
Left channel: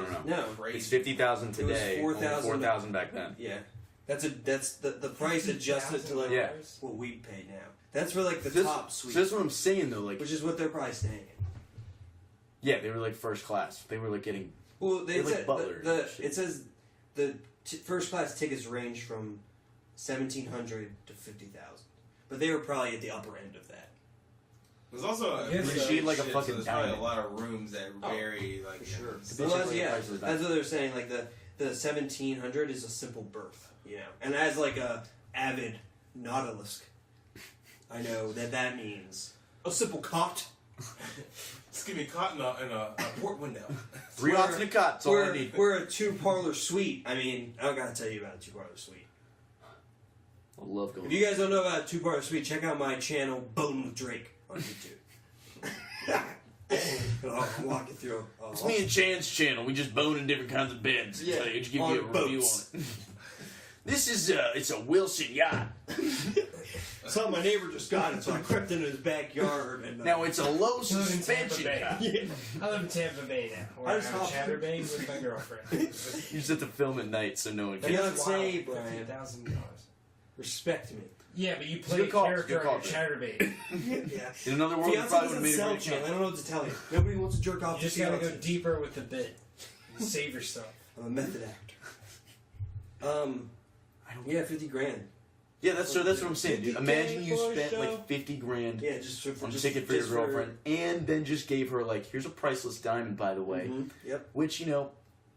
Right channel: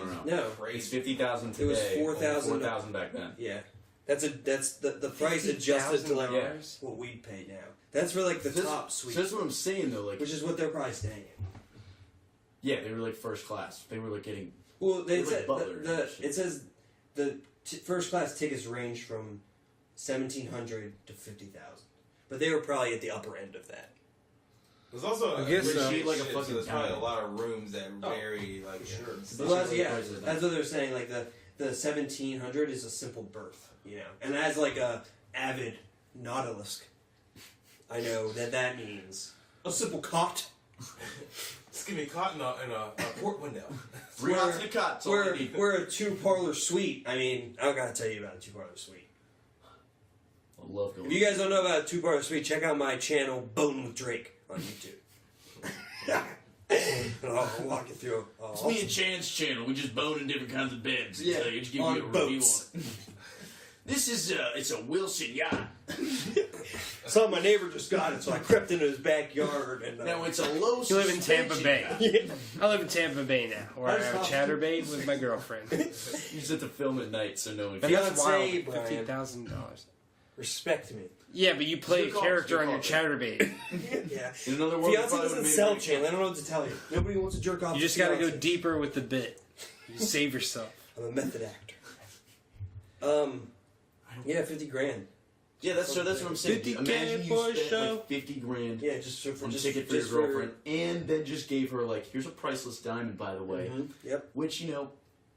crazy. It's 50,000 today. It was 4,000. 4,000 back then. Yeah. That's the price adjusted to like Yeah. what we'd pay now. That's for like the top suite, So that's what I'm saying though. Like, which is what they're probably staying in. yeah, they were like first class. They were like getting. Well, They were like butlers and shit. it says the first class tickets range from 1,700 to 50,000, but they were probably at the upper end of that. There's also I guess so. Sheet like a shit, fucking so there's probably diamond. a lot of rooms that vary like Sure. sure. Well, yeah, price of the that's what they're saying. Like the 1,700 is a simple berth, you know. And as like a avid nautilus, I know that means a simple cot. Just give me caught in a port window. 3 knots in a cot. That's all I need. We're a 2-parlor suite. I mean, I don't gotta tell you about a 2-parlor suite. I love going. If you guys don't know about a 2-parlor suite, check out my channel, Bone with Drake, on YouTube. I'll walk you through. It's me and Chan's channel. We just bone in different kinds of beds. Yeah, I just give on you a review boats. on it. This is it's a Wilson yacht. So my neighbor just got it, so I crept into his backyard and Now it's a low You live in Tampa suspension. Bay. yeah. I live in Tampa Bay now, where I I just have hopped- Chatterbait with my girlfriend. You just have to film at night so no one. But can. Beyonce, Brian. $50,000. Respect me. Yeah, but you play a your call, character your on your call. Chatterbait. Yeah. In another world, you Fiance probably would doesn't have made sell a great channel. I don't know what to tell you. Nobody wants to jerk off. You to just gotta go Fiance. deeper with the bit. You save yourself. I'm a method actor. Yeah, 50 grand. Yeah, that's what I'm saying. Dude. 50K Imagine you for a spent show? like 50 grand Yeah, just for on a just, ticket for your just girlfriend, and then just gave her like, here's a priceless diamond, by the way. Mhm, Yep. Which, you know,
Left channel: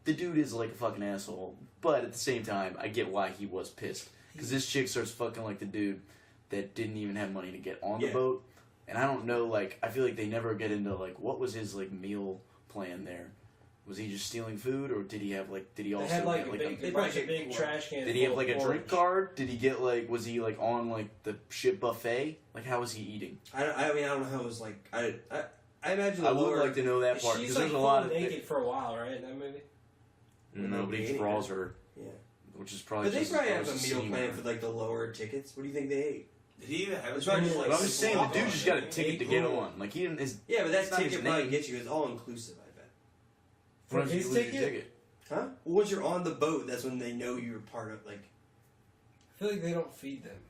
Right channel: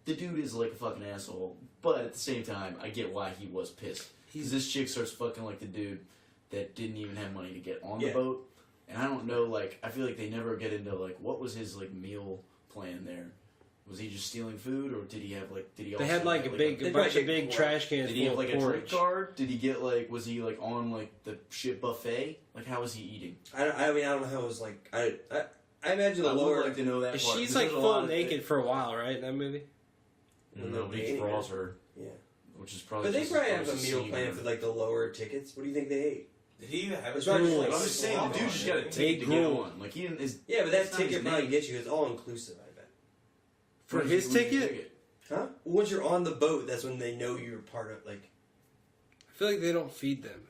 the dude is like a fucking asshole, but at the same time, I get why he was pissed. Because this chick starts fucking like the dude that didn't even have money to get on the Yeah. boat. And I don't know, like, I feel like they never get into like, what was his like meal plan there? Was he just stealing food, or did he have like, did he also They had like get, a big, They a bunch probably of big get- trash cans. did he have full like of a drink porridge. card? Did he get like, was he like on like the ship buffet? Like, how was he eating? I mean, I don't know how it was like. I imagine the I lower. would like to know that part. She's 'cause like there's a full lot of naked for a while, right? In that movie. And nobody draws her, Yeah. which is probably. But they just probably as have a gross as meal seeing plan her. for like the lower tickets. What do you think they ate? Did he even have a It's probably drink? like But I'm just saying, the dude just got a Like, ticket to get on. Like, he didn't. His, Yeah, but that It's not ticket his probably name. gets you. It's all inclusive, I bet. For When's his you lose your ticket? Huh? Well, once you're on the boat, that's when they know you're part of. Like, I feel like they don't feed them.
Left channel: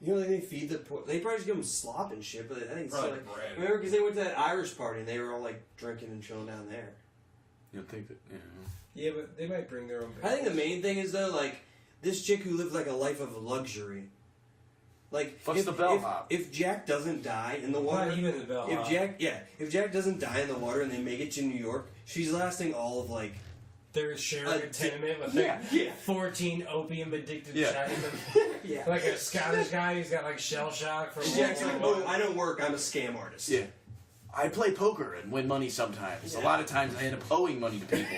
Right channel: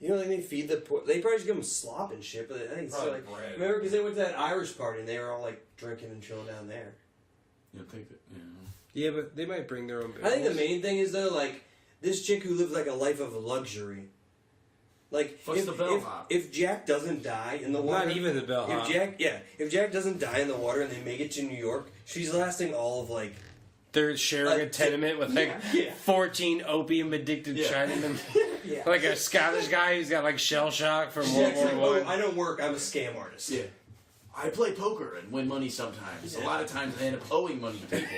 you know, like they feed the poor. They probably just give them slop and shit. But I think it's still Probably like. bread. Remember, because they went to that Irish party and they were all like drinking and chilling down there. You think that? You know. Yeah, but they might bring their own. I think the bills. main thing is though, like this chick who lived like a life of luxury. Like Fucks the bellhop. if Jack doesn't die in the water, Not even the bell. if Jack doesn't die in the water and they make it to New York, she's lasting all of like They're sharing Like, a tenement with like yeah. 14 opium addicted Yeah. Chinamen. yeah. Like a Scottish guy who's got like shell shock from World Jack's like, War oh, One. I don't work. I'm a scam artist. Yeah. I play poker and win money sometimes. A Yeah. lot of times I end up owing money to people.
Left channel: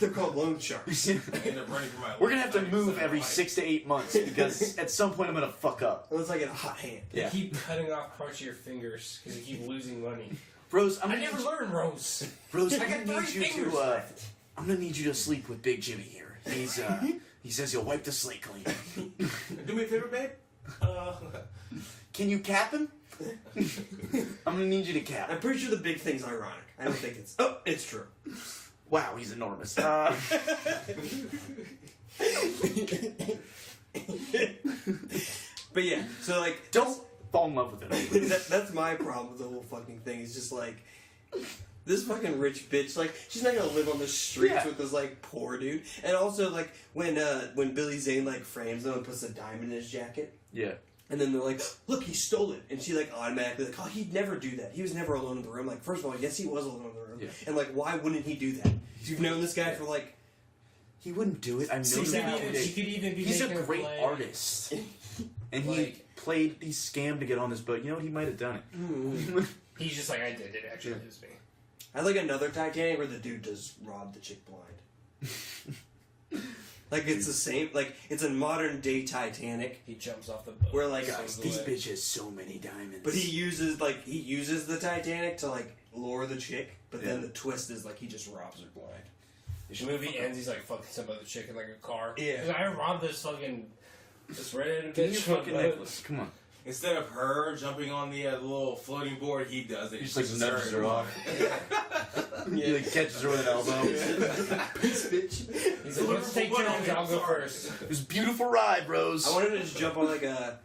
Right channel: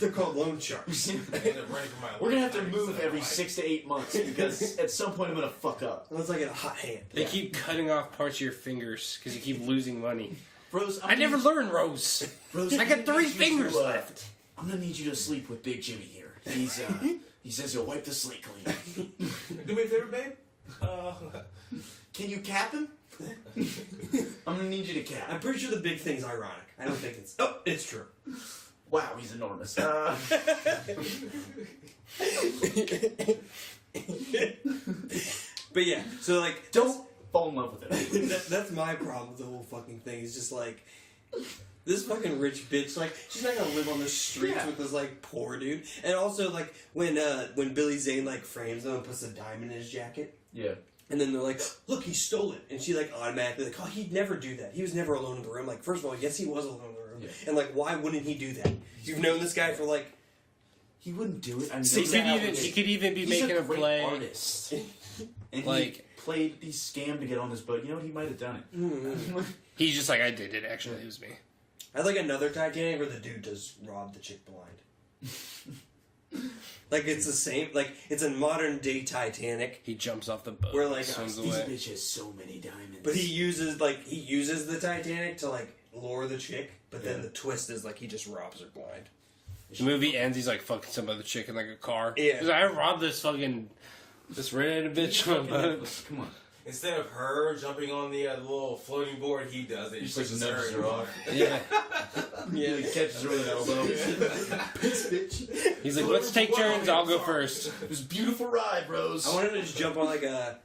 They're called loan sharks. I end up running for my We're gonna have to life, move so every like- 6 to 8 months because at some point I'm gonna fuck up. Unless I get a hot hand. They Yeah. keep cutting off parts of your fingers because you keep losing money. Rose, I never learned, Rose. Rose, I got 3 fingers left. I'm gonna need you to sleep with Big Jimmy here. He's he says he'll wipe the slate clean. Do me a favor, babe. Can you cap him? I'm gonna need you to cap. I'm pretty sure the big thing's ironic. I don't think it's. Oh, it's true. Wow, he's enormous. But yeah, so like, Don't fall in love with him. that's my problem with the whole fucking thing. It's just like this fucking rich bitch. Like she's not gonna live on the streets Yeah. with this like poor dude. And also like when Billy Zane like frames him and puts a diamond in his jacket. Yeah. And then they're like, look, he stole it. And she like automatically like, oh, he'd never do that. He was never alone in the room. Like, first of all, yes, he was alone in the room. Yeah. And like, why wouldn't he do that? You've known this guy for like, He wouldn't do it. I know Six that. hours. You could even be He's making a great play. artist. And Like- he scammed to get on this boat. You know what? He might have done it. He's just like, I did it. Actually, it was me. I'd like another Titanic where the dude does rob the chick blind. Like it's the same. Like it's a modern day Titanic. He jumps off the boat. Where, like, swims These away. bitch has so many diamonds. But he uses the Titanic to like lure the chick. But then the twist is like he just robs her blind. The movie ends. He's like fucking some other chick in like a car. Yeah. He's like, I robbed this redheaded Give me bitch. your fucking necklace. Come on. instead of her jumping on the little floating board, he does it. He just like pushes nudges her and off. Yeah. He like, catches her with an elbow. He's like, let's take turns. I'll go first. It was a beautiful ride, Rose. I wanted to just jump on like a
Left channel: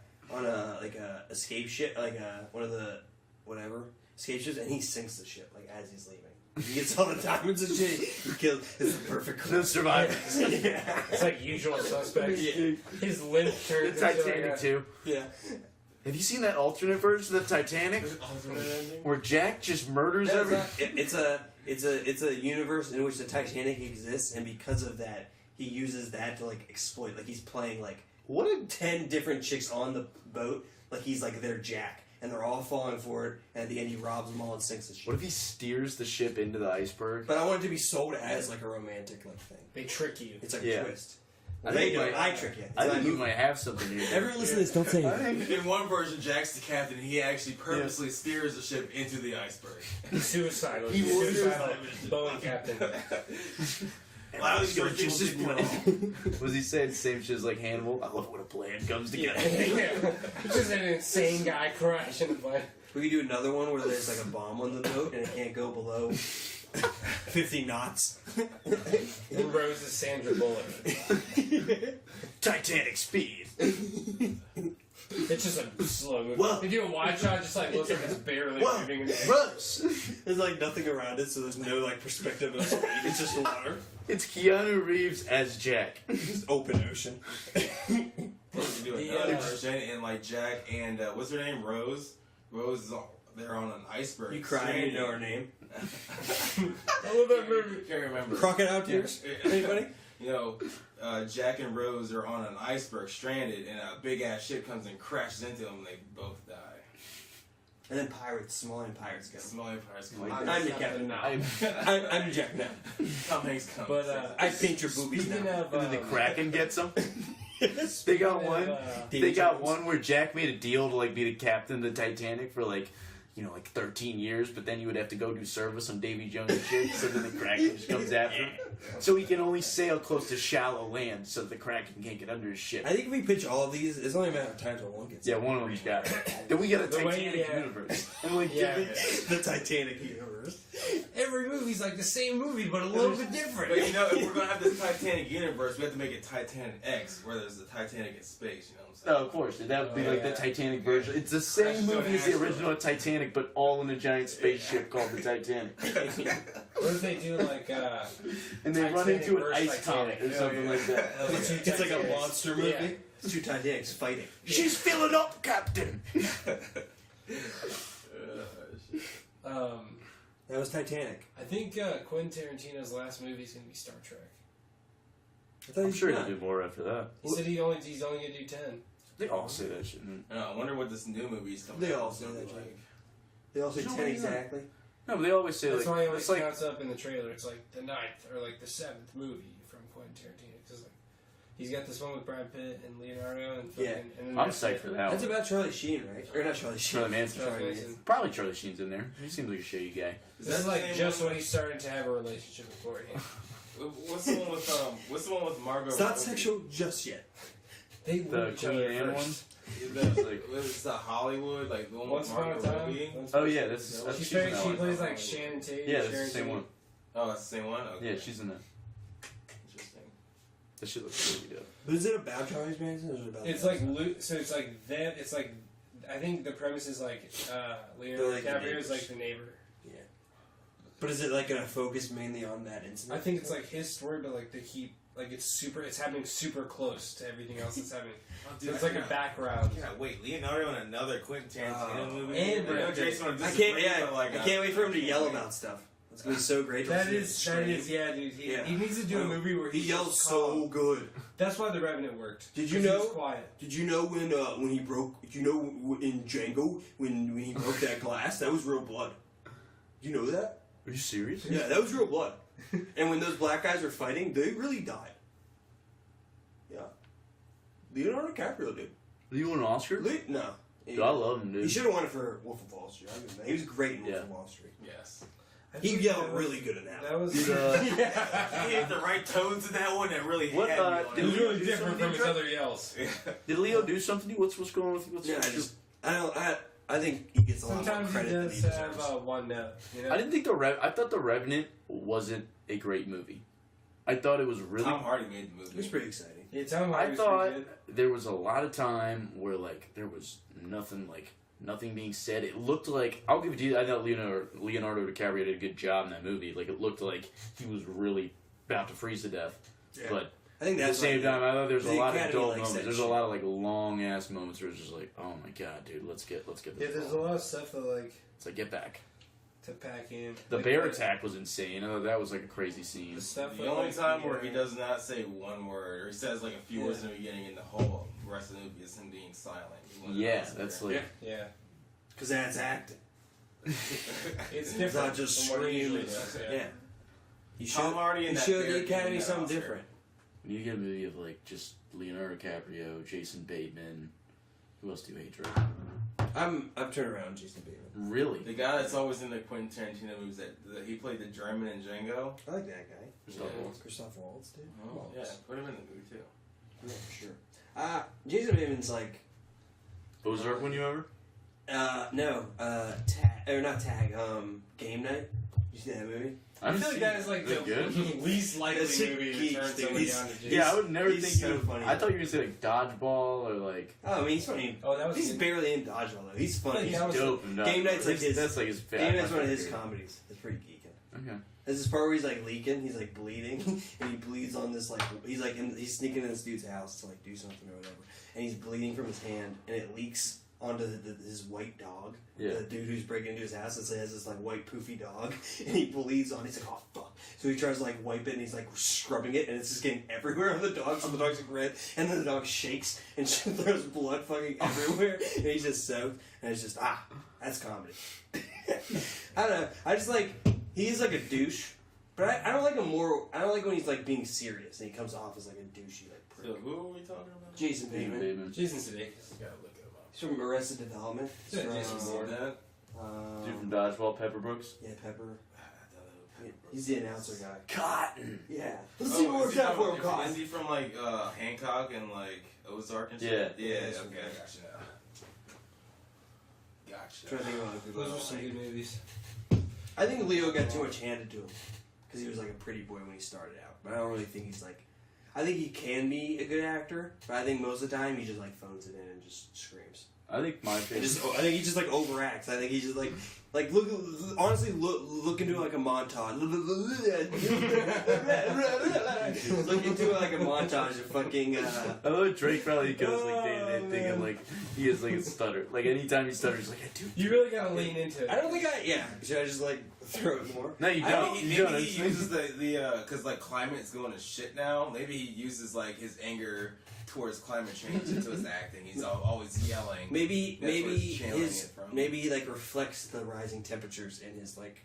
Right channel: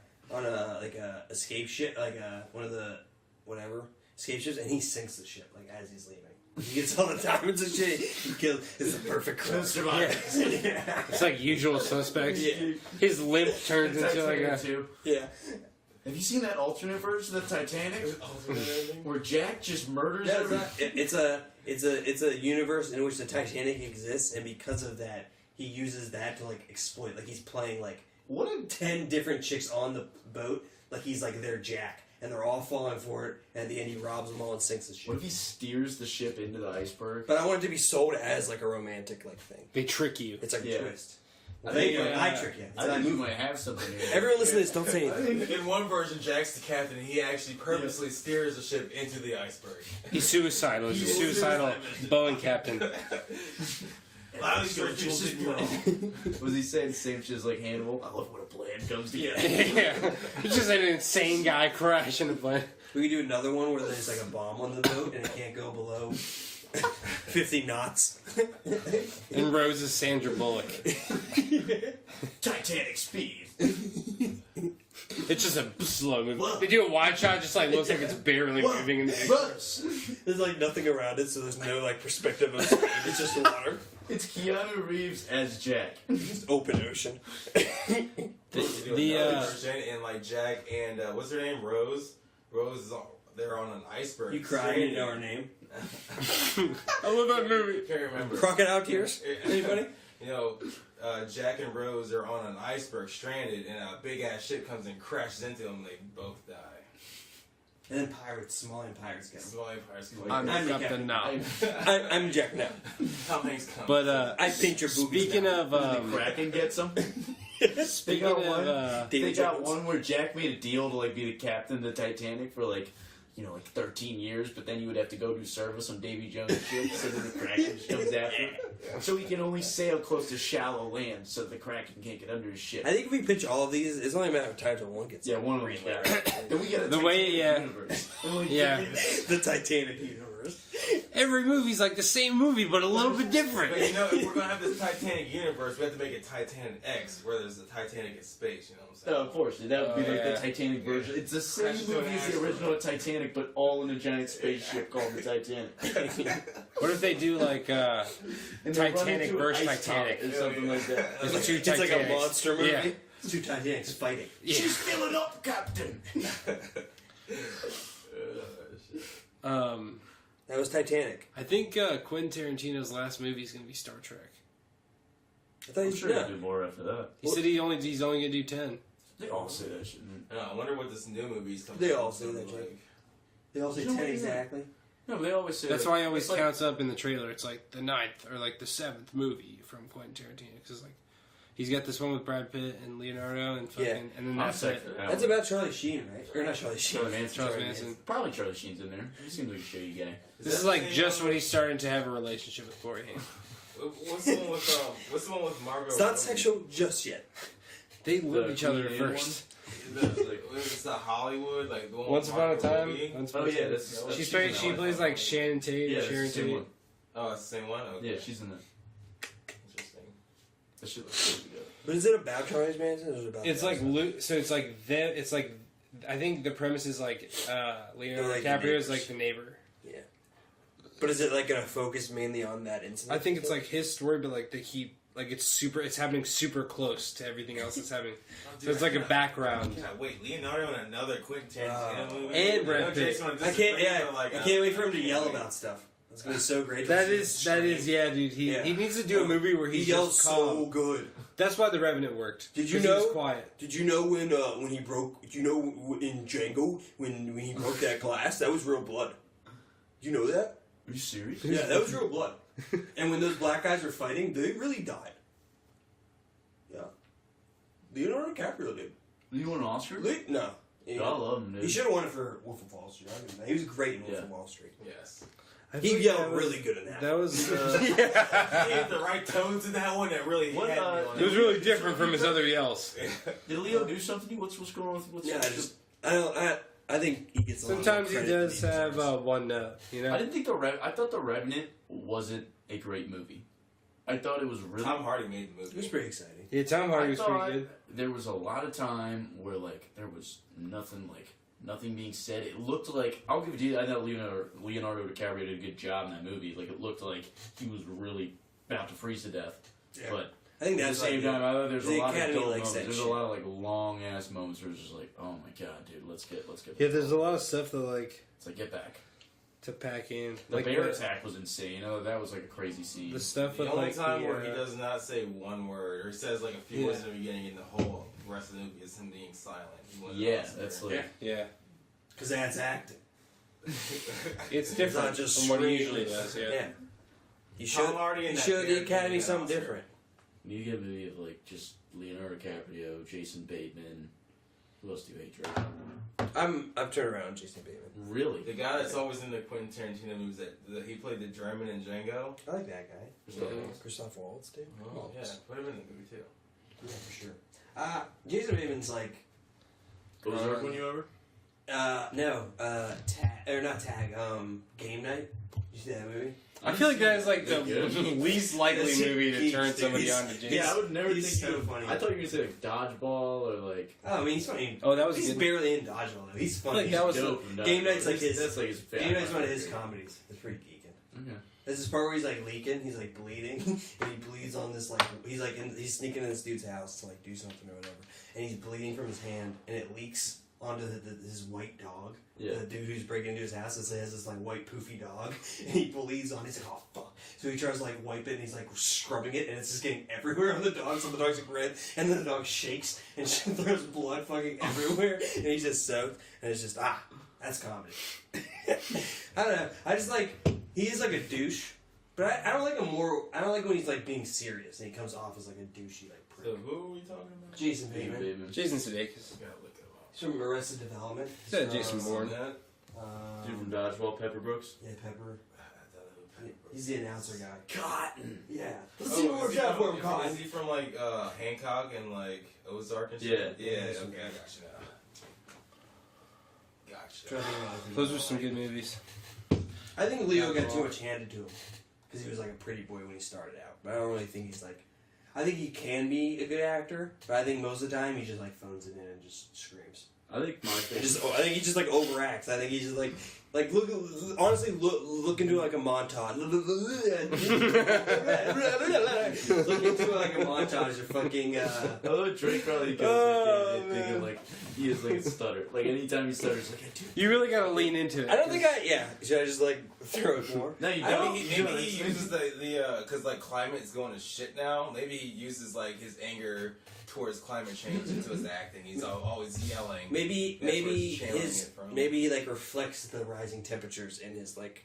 escape ship, like one of the whatever escape ships, and he sinks the ship like as he's leaving. He gets all the diamonds and shit. He kills. It's the perfect clip. No survivors. Yeah. It's like Usual Suspects. Yeah. His limp turns into like Titanic a... too. Yeah. Have you seen that alternate version of the Titanic Alternate ending? where Jack just murders No, everyone? it's a universe in which the Titanic exists, and because of that, he uses that to like exploit. Like he's playing like What a 10 different chicks on the boat. Like he's like their Jack, and they're all falling for it. And at the end, he robs them all and sinks the ship. What if he steers the ship into the iceberg? But I want it to be sold as like a romantic like thing. They trick you. It's like Yeah. a twist. I There think you go. you I might- trick you. I think you might have something here. Everyone listen to this. Don't say anything. In one version, Jack's the captain. He actually purposely steers the ship into the iceberg. He's suicidal. He's a suicidal Boeing captain. Wow, these first people didn't know. Was he saying the same shit as like Hannibal? I love when a plan comes together. Yeah. He's just an insane guy crashing the plane. We could do another one where there's like a bomb on the boat and it can't go below 50 knots. And Rose is Sandra Bullock. Titanic speed. It's just a slow movie. Whoa. They do a wide shot, just like looks like it's barely Whoa. moving. In the Rose. There's like nothing around it, so there's no like perspective of speed. It's just water. It's Keanu Reeves as Jack. Just open ocean. They do The, another uh, version, and like Jack and what's her name, Rose. Rose is they're on an iceberg. You cry, you know our name. I love that movie. Can't remember. Crocodile tears? Anybody? You know, Jack and Rose are on an iceberg, stranded, and a big ass ship comes and crashes into them. And they both die. And then pirates, Somalian pirates go. Small pirates come. I'm I'm the the captain. now. I'm Jack now. Tom Hanks comes. But I paint your boobies speaking now. of The Kraken gets him. They speaking got of, one. They David got Jones. one where Jack made a deal to like be the captain of the Titanic for like, 13 years, but then you would have to go do service on Davy Jones' ship, so then the Kraken just comes after him. So he can only sail close to shallow land, so the Kraken can't get under his ship. I think if we pitch all of these, it's only a matter of time till one gets Yeah, one of them's got it. Then we got a The Titanic way, universe. And we Yeah. the Titanic universe. every movie's like the same movie, but a little bit different. But you know, if we're gonna have this Titanic universe, we have to make it Titanic X, where there's the Titanic in space. You know what I'm saying? Oh, of course, that would be like the Titanic version. It's the same Crash into movie an as the asteroid. original Titanic, but all in a giant spaceship called the Titanic. What if they do like And they run Titanic into an versus ice Titanic. comet or something like that. It's like a monster movie. Yeah. It's two Titanics fighting. She's filling up, Captain. That was Titanic. I think Quentin Tarantino's last movie is gonna be Star Trek. I thought I'm you sure should he'll do more after that. He said he's only gonna do 10. They all say that shit. I wonder what this new movie's coming. They out all is say gonna that, be Jake. like. They all say No, 10 yeah. exactly. No, but they always say That's like, why it always it's like, counts up in the trailer. It's like the 9th or like the 7th movie from Quentin Tarantino. Because like he's got this one with Brad Pitt and Leonardo and fucking. Yeah. And then I'm that's psyched it. for that That's one. about Charlie Sheen, right? Or not Charlie Sheen. Charlie Manson. Charles Manson. Probably Charlie Sheen's in there. He seems like a shitty guy. This is like just when he's starting to have a relationship with Voorhees. What's the one with Margot? It's not sexual just yet. They love each other Queen Anne first. It's the Hollywood, like the one Once with upon a Margot time. Robbie? Once Oh upon a yeah, time. that's She she's in that plays one. like Shannon Tate. Yeah, or that's the Sharon same Tate. one. Oh, it's the same one. Okay. Yeah, she's in that. Interesting. That shit looks really good. But is it about Charlie Manson or is it about It's like so. It's like them. It's like I think the premise is like Leonardo They're like the DiCaprio is neighbors. like the neighbor. But is it like going to focus mainly on that incident? I think it's like his story, but like it's happening super close to everything else that's happening. So it's like a background. I can't wait. Leonardo in another Quentin Tarantino movie. And I know Brad Pitt. Jason would I can't. disagree, Yeah, but, like, I can't wait for him to yell about stuff. That's gonna be so great. That is, yeah, dude. He needs to do a movie where He he's yells just so calm. good. That's why The Revenant worked. Did you 'Cause he was know? quiet. Did you know when he broke? Did you know in Django when he broke that glass? That was real blood. Do you know that? Are you serious? Yeah, that was real blood. And when those black guys were fighting, they really died. Yeah. Leonardo DiCaprio did. Do you want an Oscar? No. Dude, I love him, dude. He should have won it for Wolf of Wall Street. He was great in Wolf of Wall Street. Yes. He yelled really good in that. That was. He had the right tones in that one that really What, had me on It was it. really different from his other yells. Did Leo do something? What's going on with Yeah, I just I think he gets a lot more Sometimes he credit than does have deserves. one note. You know. I didn't think I thought The Revenant wasn't a great movie. I thought it was really. Tom Hardy made the movie. It was pretty exciting. Yeah, Tom Hardy I was thought pretty good. there was a lot of time where there was nothing being said. It looked like, I'll give it to you, I know Leonardo DiCaprio did a good job in that movie. Like, it looked like he was really about to freeze to death. Yeah. But I think at the that's same time, I thought there's a the lot of Academy dull likes moments. that There's shit. a lot of long ass moments where it's just like, oh my god, dude, let's get Yeah, there's a lot of stuff that it's like, get back. to pack in. The bear attack was insane. Oh, that was like a crazy scene. The stuff The with only like time the, where he does not say one word, or he says like a few words in the beginning, and the whole rest of the movie is him being silent. Yeah, that's like. Yeah. because that's acting. It's It's different not just from what he screams. usually does. Yeah. You show Tom Hardy in you that show the bear Academy king, something Oscar. different. You get a movie of just Leonardo DiCaprio, Jason Bateman. Who else do you hate, Drake? I'm turned around, Jason Bateman. Really? The guy that's always in the Quentin Tarantino movies that he played the German in Django. I like that guy. Christoph Yeah. Waltz. Christoph Waltz, dude. Oh, yeah, put him in the movie too. Yeah, for sure. Jason Bateman's like Ozark when you ever? no, tag or not tag. Game Night. You see that movie? I feel like that is like the Good. least likely That's movie to geeks, turn dude. somebody He's- on to Jason. Yeah, I would never He's think so you. funny. I thought you were gonna say Dodgeball or Oh, I mean, he's funny. Oh, that was he's good. barely in Dodgeball though. He's funny. Like, that was dope. Game Night's like his. That's like his. Game Night's one of his comedies. It's pretty geeking. Okay. There's this part where he's like leaking, he's like bleeding, and he bleeds on this like he's sneaking in this dude's house to like do something or whatever, and he's bleeding from his hand, and it leaks onto his white dog. Yeah. The dude who's breaking into his house, it has this like white poofy dog, and he bleeds on. He's like, oh fuck. So he tries to like wipe it, and he's like scrubbing it, and it's just getting everywhere on the dog. So the dog's like red, and then the dog shakes and throws blood fucking everywhere, and he's just soaked, and it's just that's comedy. I don't know. I just like he is like a douche, but I don't like him more. I don't like when he's like being serious and he comes off as like a douchey like prick. So who are we talking about? Jason Bateman. Jason Sudeikis. I gotta look it up. He's from Arrested Development. Is that Jason From, Bourne? That? Dude from Dodgeball, Pepper Brooks. Yeah, Pepper. He's the announcer guy. Cotton. Yeah. Let's see what works out for him, Cotton. Is he from like Hancock and like Ozark and Yeah. shit? Yeah. Yeah, Okay, some I got you now. Trying to think of other people Those I were some like. good movies. I think Leo got too much handed to him because he was like a pretty boy when he started out. But I don't really think he's like. I think he can be a good actor, but I think most of the time he just like phones it in and just screams. I think my And favorite. I think he just like overacts. I think he's just like look honestly look into like a montage. Look into like a montage of fucking. I love Drake probably goes like day thinking like he is like a stutter. Like anytime he stutters, he's like, dude. You really gotta lean into it. I don't think should I just like throw it more? No, you I don't. think You don't. maybe he uses the because like climate's going to shit now. Maybe he uses like his anger towards climate change into his acting. He's always yelling. Maybe That's where he's channeling his it from. maybe he like reflects the rising temperatures in his like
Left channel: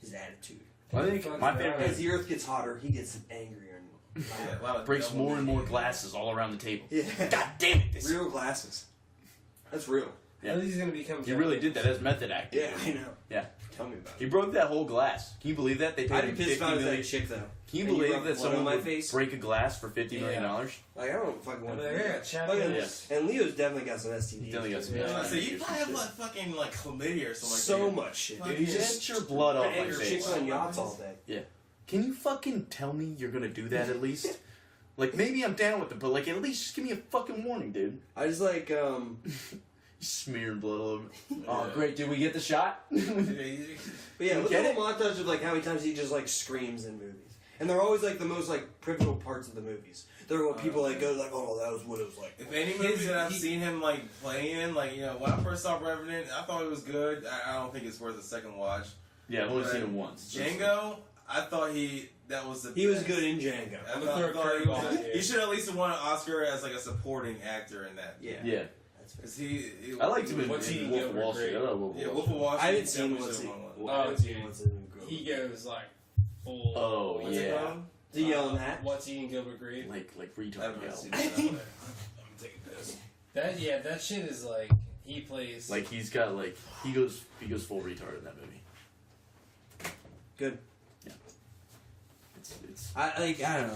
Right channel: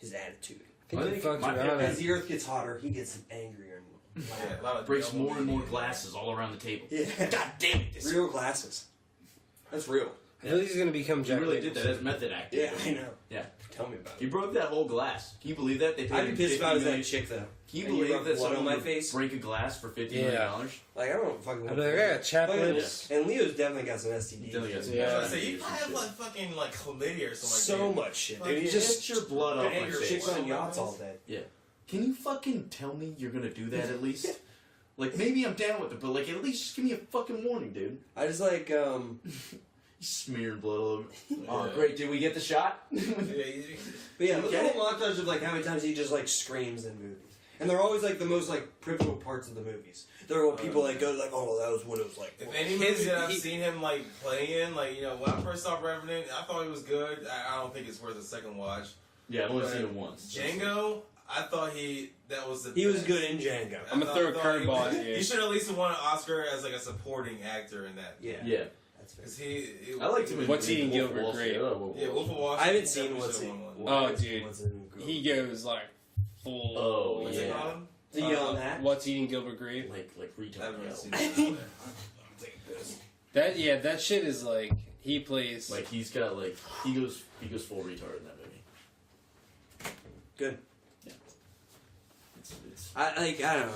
his attitude. I think my favorite As the earth gets hotter, he gets angrier and Yeah, a lot of breaks double more and more meaning. glasses all around the table. yeah. God damn it! Real glasses. That's real. I think he's gonna become. He really did that as method acting. Yeah, I know. Yeah. Tell me about He it. broke that whole glass. Can you believe that? They paid I'd him be pissed if I $50 was million. that chick though. Can you And you believe rub that blood on someone my would face? break a glass for $50 million? Like I don't fucking want I'm like, I got chapter Fucking- this. And Leo's definitely got some STDs. Definitely got some Yeah, STDs. so you probably have like fucking like chlamydia or something like So that. much shit, Fucking dude. He's Get just your blood off my anger face. chicks on yachts all day. Can you fucking tell me you're gonna do that at least? Like maybe I'm down with it, but like at least just give me a fucking warning, dude. I just like Smearing blood all over. Oh Yeah. great, did we get the shot? Yeah, But yeah, look Get at a montage of like how many times he just like screams in movies, and they're always like the most like pivotal parts of the movies. They're what people like go like, oh, that was what it was like. If any movies that I've seen him like play in, like when I first saw Revenant, I thought it was good. I don't think it's worth a second watch. Yeah, I've only seen it once. Django, I thought He was good in Django. I'm gonna throw a curveball at you. He should at least have won an Oscar as like a supporting actor in that. Yeah, Yeah, that's fair. Because he I liked him in What's he in Wolf of Gilbert Wall Street. Grape? I love Wolf of Yeah, Wall Wolf of Street. Wall Street. I haven't seen definitely what's should've in. won one. Oh, dude. What's in Gilbert? He goes like full. Oh, What's it yeah. called? To yell on that. What's eating Gilbert Grape? Like I retard. haven't Yo. seen that. I'm taking this. That shit is like he plays. Like he's got like he goes full retard in that movie. Good. It's I don't know.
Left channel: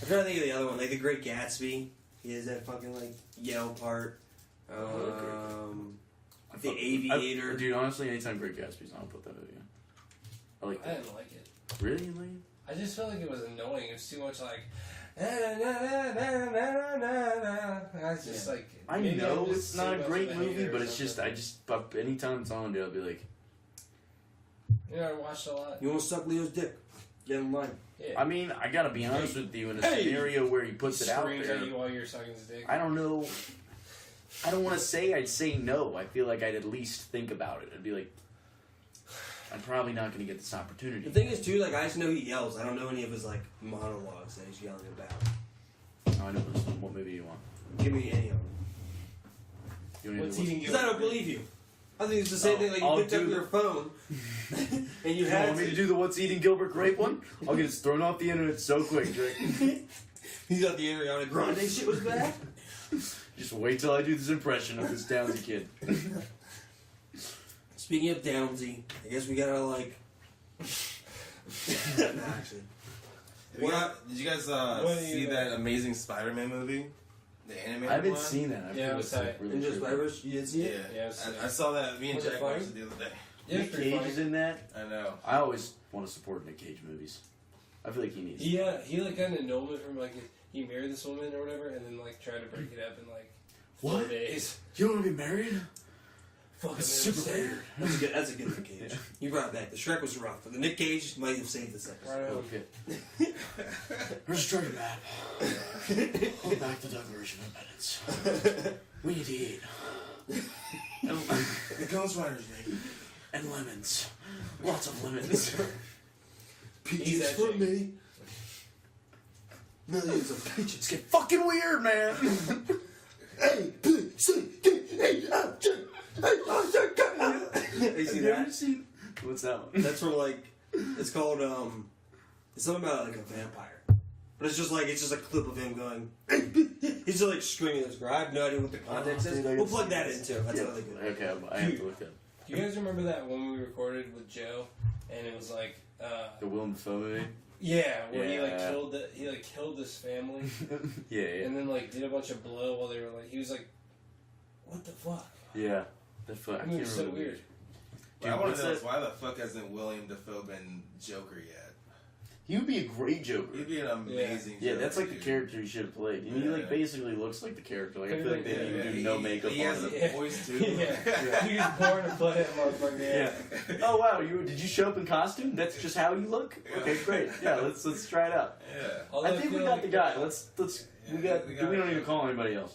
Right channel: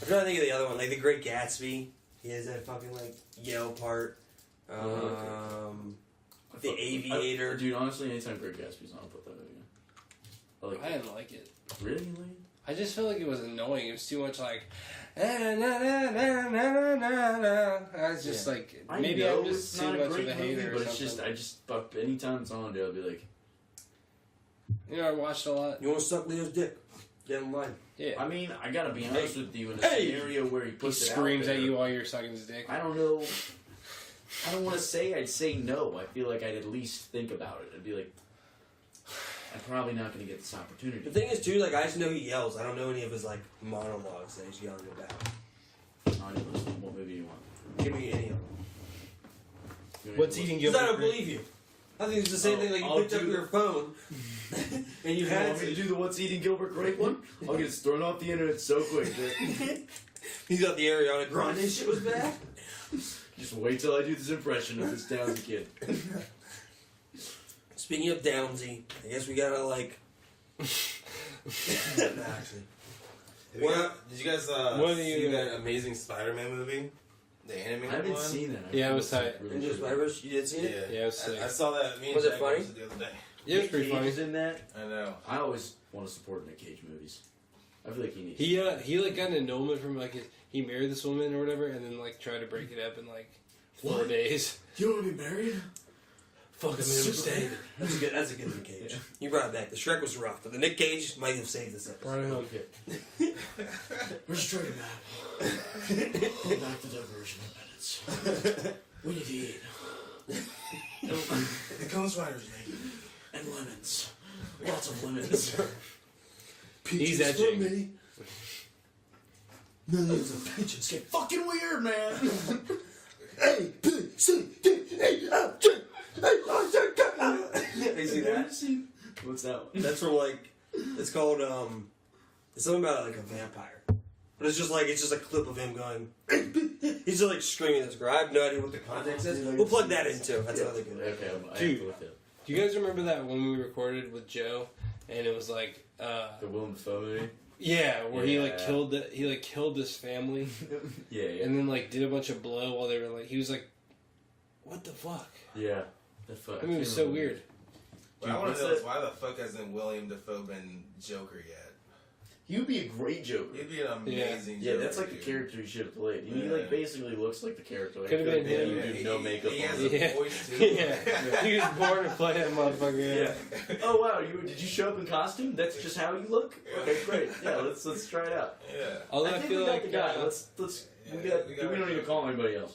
I'm trying to think of the other one, like The Great Gatsby. He has that fucking like yell part. The Aviator. Dude, honestly, anytime Great Gatsby's on, I'll put that video. I didn't like it. Really? You like it? I just felt like it was annoying. It was too much like. I was just like. I maybe know I'm just it's not too a much great of a movie, hater or but it's just, something. anytime it's on, dude, I'll be like, You know, I watched a lot. You want to suck Leo's dick? Get in line. Yeah. I mean, I gotta be honest with you, in a scenario where he puts it out Screams there, at you while you're sucking his dick. I don't know. I don't want to say I'd say no. I feel like I'd at least think about it. I'd be like, I'm probably not going to get this opportunity. The thing is, too, like, I just know he yells. I don't know any of his, like, monologues that he's yelling about. I know this one. What movie do you want? Give me any of them. You want What's me to eating Because Gilbert I don't Grape? believe you. I think it's the same thing, like, you I'll picked up do your phone, and you had want me to do the What's Eating Gilbert Grape one? I'll get it thrown off the internet so quick. He thought the Ariana Grande shit was bad? Just wait till I do this impression of this Downsy kid. Speaking of Downsy, I guess we gotta, like... Actually. Did you guys see that Amazing Spider-Man movie? The animated I haven't one? seen that. Yeah, it was tight. Really Into Spider-Verse, you did see it? Yeah, it was sick. I saw that. Me and Was it Jack funny? watched it the other day. Yeah, it was Nick pretty Cage funny. is in that. I know. I always want to support Nick Cage movies. I feel like he needs. He like got an annulment from like he married this woman or whatever, and then like tried to break it up in like 4 days. You want to be married? Fuck, super weird. That's a good Nick Cage. You brought it back. The Shrek was rough, but the Nick Cage might have saved this episode. Okay. Where's the trigger map? Go back to diversion minutes. We need to eat. The Ghost Riders, Nick. And lemons. Lots of lemons. He's Peaches for me. Millions of peaches. Get fucking weird, man. A, B, C, D, E, F, G, H, I, J, K, L. You see that? What's that one? That's from like, it's called, it's something about like a vampire. But it's just a clip of him going, he's just like screaming this girl. I have no idea what the context is. We'll plug that in too. That's another good one. Okay, I have to look at Do you guys remember that when we recorded with Joe, and it was like, the Willem Dafoe movie. yeah, where he like Yeah. killed this family, Yeah, and then like did a bunch of blow while they were like, he was like, what the fuck? yeah. That fun. I mean, it was so weird. What I want to know is why the fuck hasn't William Dafoe been Joker yet? He would be a great Joker. He'd be an amazing Yeah, Joker. that's like the dude. character he should have played. He like Yeah. basically looks like the character. Like, I feel like they Yeah, didn't even do no makeup He on has him. a voice too. Yeah, he was born to play that motherfucker. Yeah. Oh wow, did you show up in costume? That's just how you look? Okay, great. Yeah, let's try it out. Yeah. Although I think we feel got like the guy. Let's we don't need to call anybody else.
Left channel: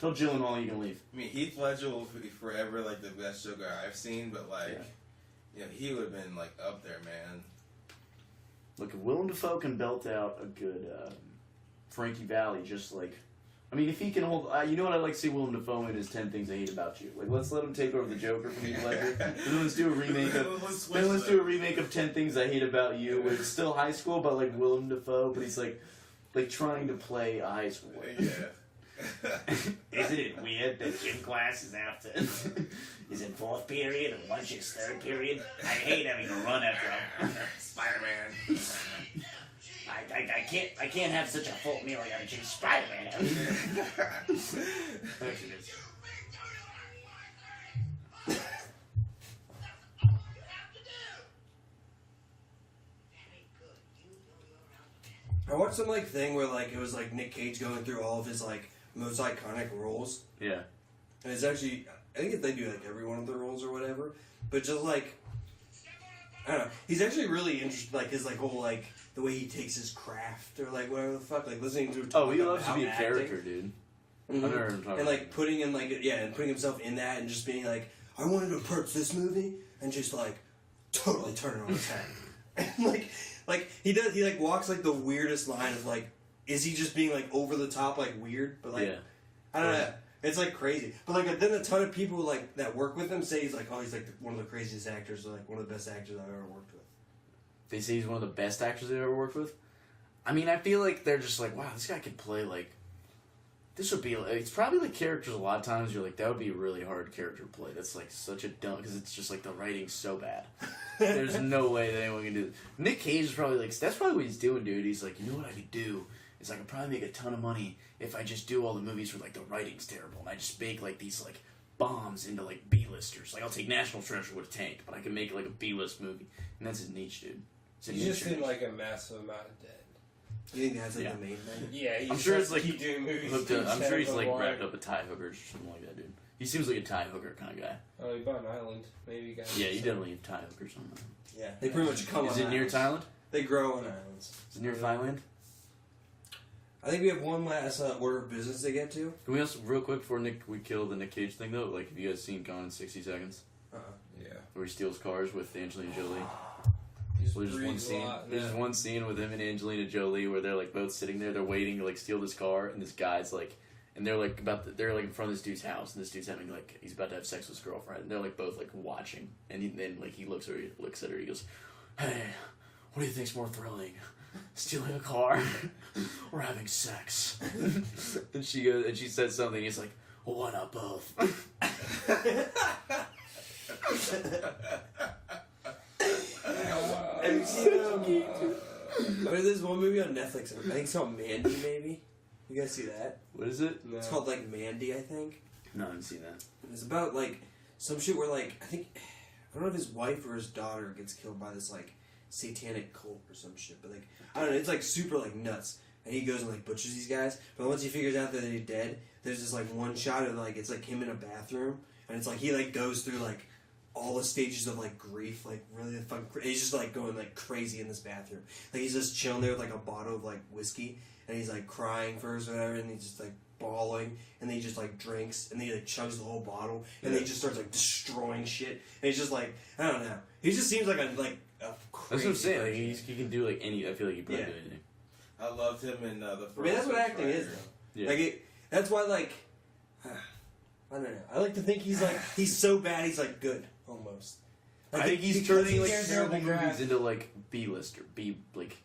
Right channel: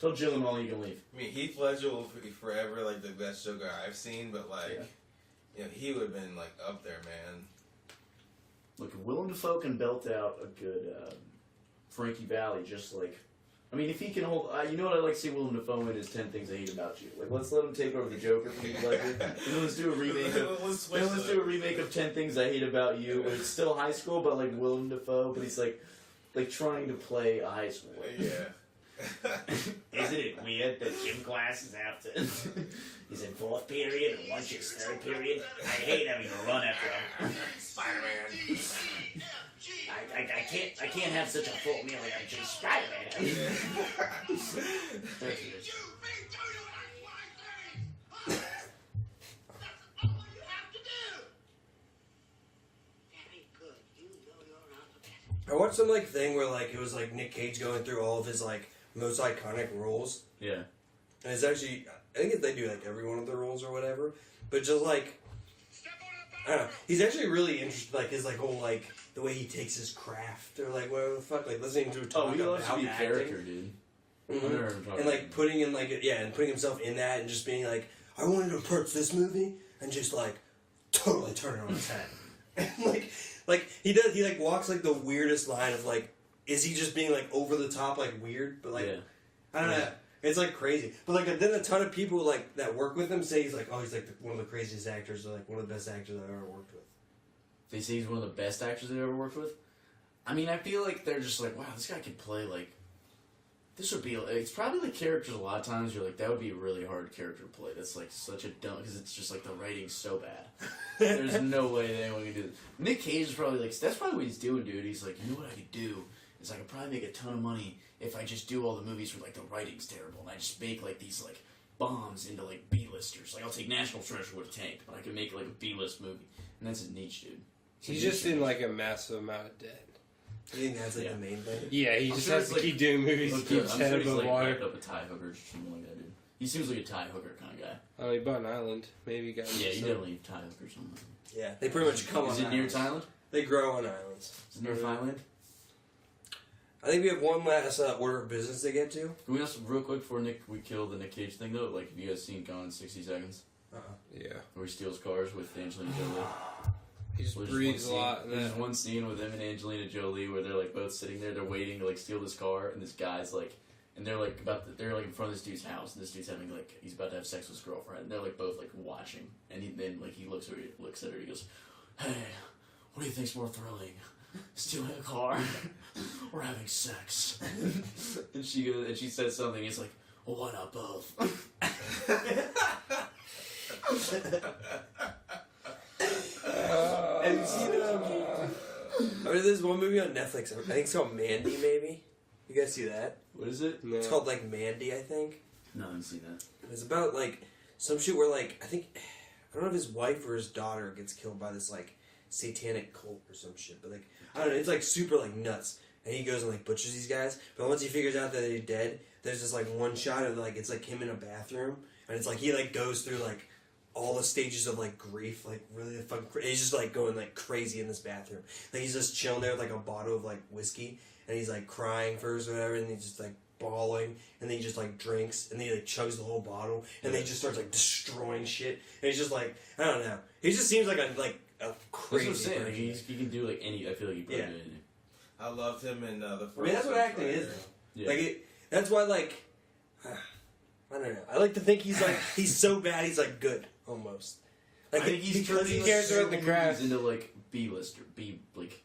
Tell Gyllenhaal you can leave. I mean, Heath Ledger will be forever like the best Joker I've seen, but like, you know, he would have been like up there, man. Look, if Willem Dafoe can belt out a good Frankie Valli, just like, I mean, if he can hold, you know what I'd like to see Willem Dafoe in is 10 Things I Hate About You. Like, let's let him take over the Joker from Heath Ledger, and then let's do a remake of, let's do a remake of 10 Things I Hate About You, where it's still high school, but like Willem Dafoe, but he's like trying to play a high school. Yeah. Isn't it weird that gym class is after is in fourth period and lunch is third period? I hate having to run after Spider-Man. I can't have such a full meal. I gotta chase Spider-Man. I watched some like thing where like it was like Nick Cage going through all of his like most iconic roles, Yeah. and it's actually I think they do like every one of the roles or whatever, but just like I don't know, he's actually really interested like his like whole like the way he takes his craft or like whatever the fuck like listening to Oh, he loves to about be a acting. character, dude. Mhm. I've heard him talk And like putting in like and putting himself in that and just being like I wanted to approach this movie and just like totally turn it on its head. And like he like walks like the weirdest line of like is he just being like over the top like weird but like Yeah. I don't know, it's like crazy but like then a ton of people like that work with him say he's like oh he's like one of the craziest actors or like one of the best actors I've ever worked with. They say he's one of the best actors they've ever worked with. I mean, I feel like they're just like, wow, this guy could play like. This would be. It's probably like characters. A lot of times you're like, that would be a really hard character to play. That's like such a dumb because it's just like the writing's so bad. There's no way that anyone can do this. Nick Cage is probably like that's probably what he's doing, dude. He's like, you know what I could do It's like, I'll probably make a ton of money if I just do all the movies where, like, the writing's terrible. And I just make, like, these, like, bombs into, like, B-listers. Like, I'll take National Treasure with a tank, but I can make, like, a B-list movie. And that's his niche, dude. He's just in, like, a massive amount of debt. You think that's, like, the main thing? Yeah, he just sure has it's, to like, keep doing movies. I'm sure he's, like, racked up a tie hooker or something like that, dude. He seems like a tie hooker kind of guy. Oh, he bought an island. Maybe he got... Yeah, he definitely have tie hookers on that. Yeah, they pretty much come on Is it near islands. Thailand? They grow on islands. Is it near Thailand? I think we have one last order of business to get to. Can we also, real quick, before we kill the Nick Cage thing, though, like, have you guys seen Gone in 60 Seconds? Yeah. Where he steals cars with Angelina Jolie? He just Well, breathes a lot. There's one scene with him and Angelina Jolie where they're, like, both sitting there, they're waiting to, like, steal this car, and this guy's, like, and they're, like, they're, like, in front of this dude's house, and this dude's having, like, he's about to have sex with his girlfriend, and they're, like, both, like, watching, and then, like, he looks at her, he goes, hey, what do you think's more thrilling? Stealing a car or having sex? And she says something, he's like, well, why not both? Have you seen there's one movie on Netflix. I think it's called Mandy. Maybe you guys see that? What is it? It's called like Mandy. I think No, I haven't seen that. it's about like some shit where like I don't know if his wife or his daughter gets killed by this like satanic cult or some shit. But like I don't know. It's like super like nuts. And he goes and like butchers these guys. But once he figures out that they're dead, there's this like one shot of like it's like him in a bathroom, and it's like he like goes through like all the stages of like grief, like really fucking. He's just like going like crazy in this bathroom. Like he's just chilling there with like a bottle of like whiskey, and he's like crying first or whatever, and he's just like bawling, and then he just like drinks, and then he like chugs the whole bottle, and then he just starts like destroying shit, and he's just like I don't know. He just seems like a That's crazy. what I'm saying. Like, person. he can do like any. I feel like he probably do anything. I loved him in the first. I mean, that's what acting is. Yeah. Like that's why like I don't know. I like to think he's like he's so bad he's like good almost. Like I think he's because turning like, cares about the certain craft. movies into like B-list or B like.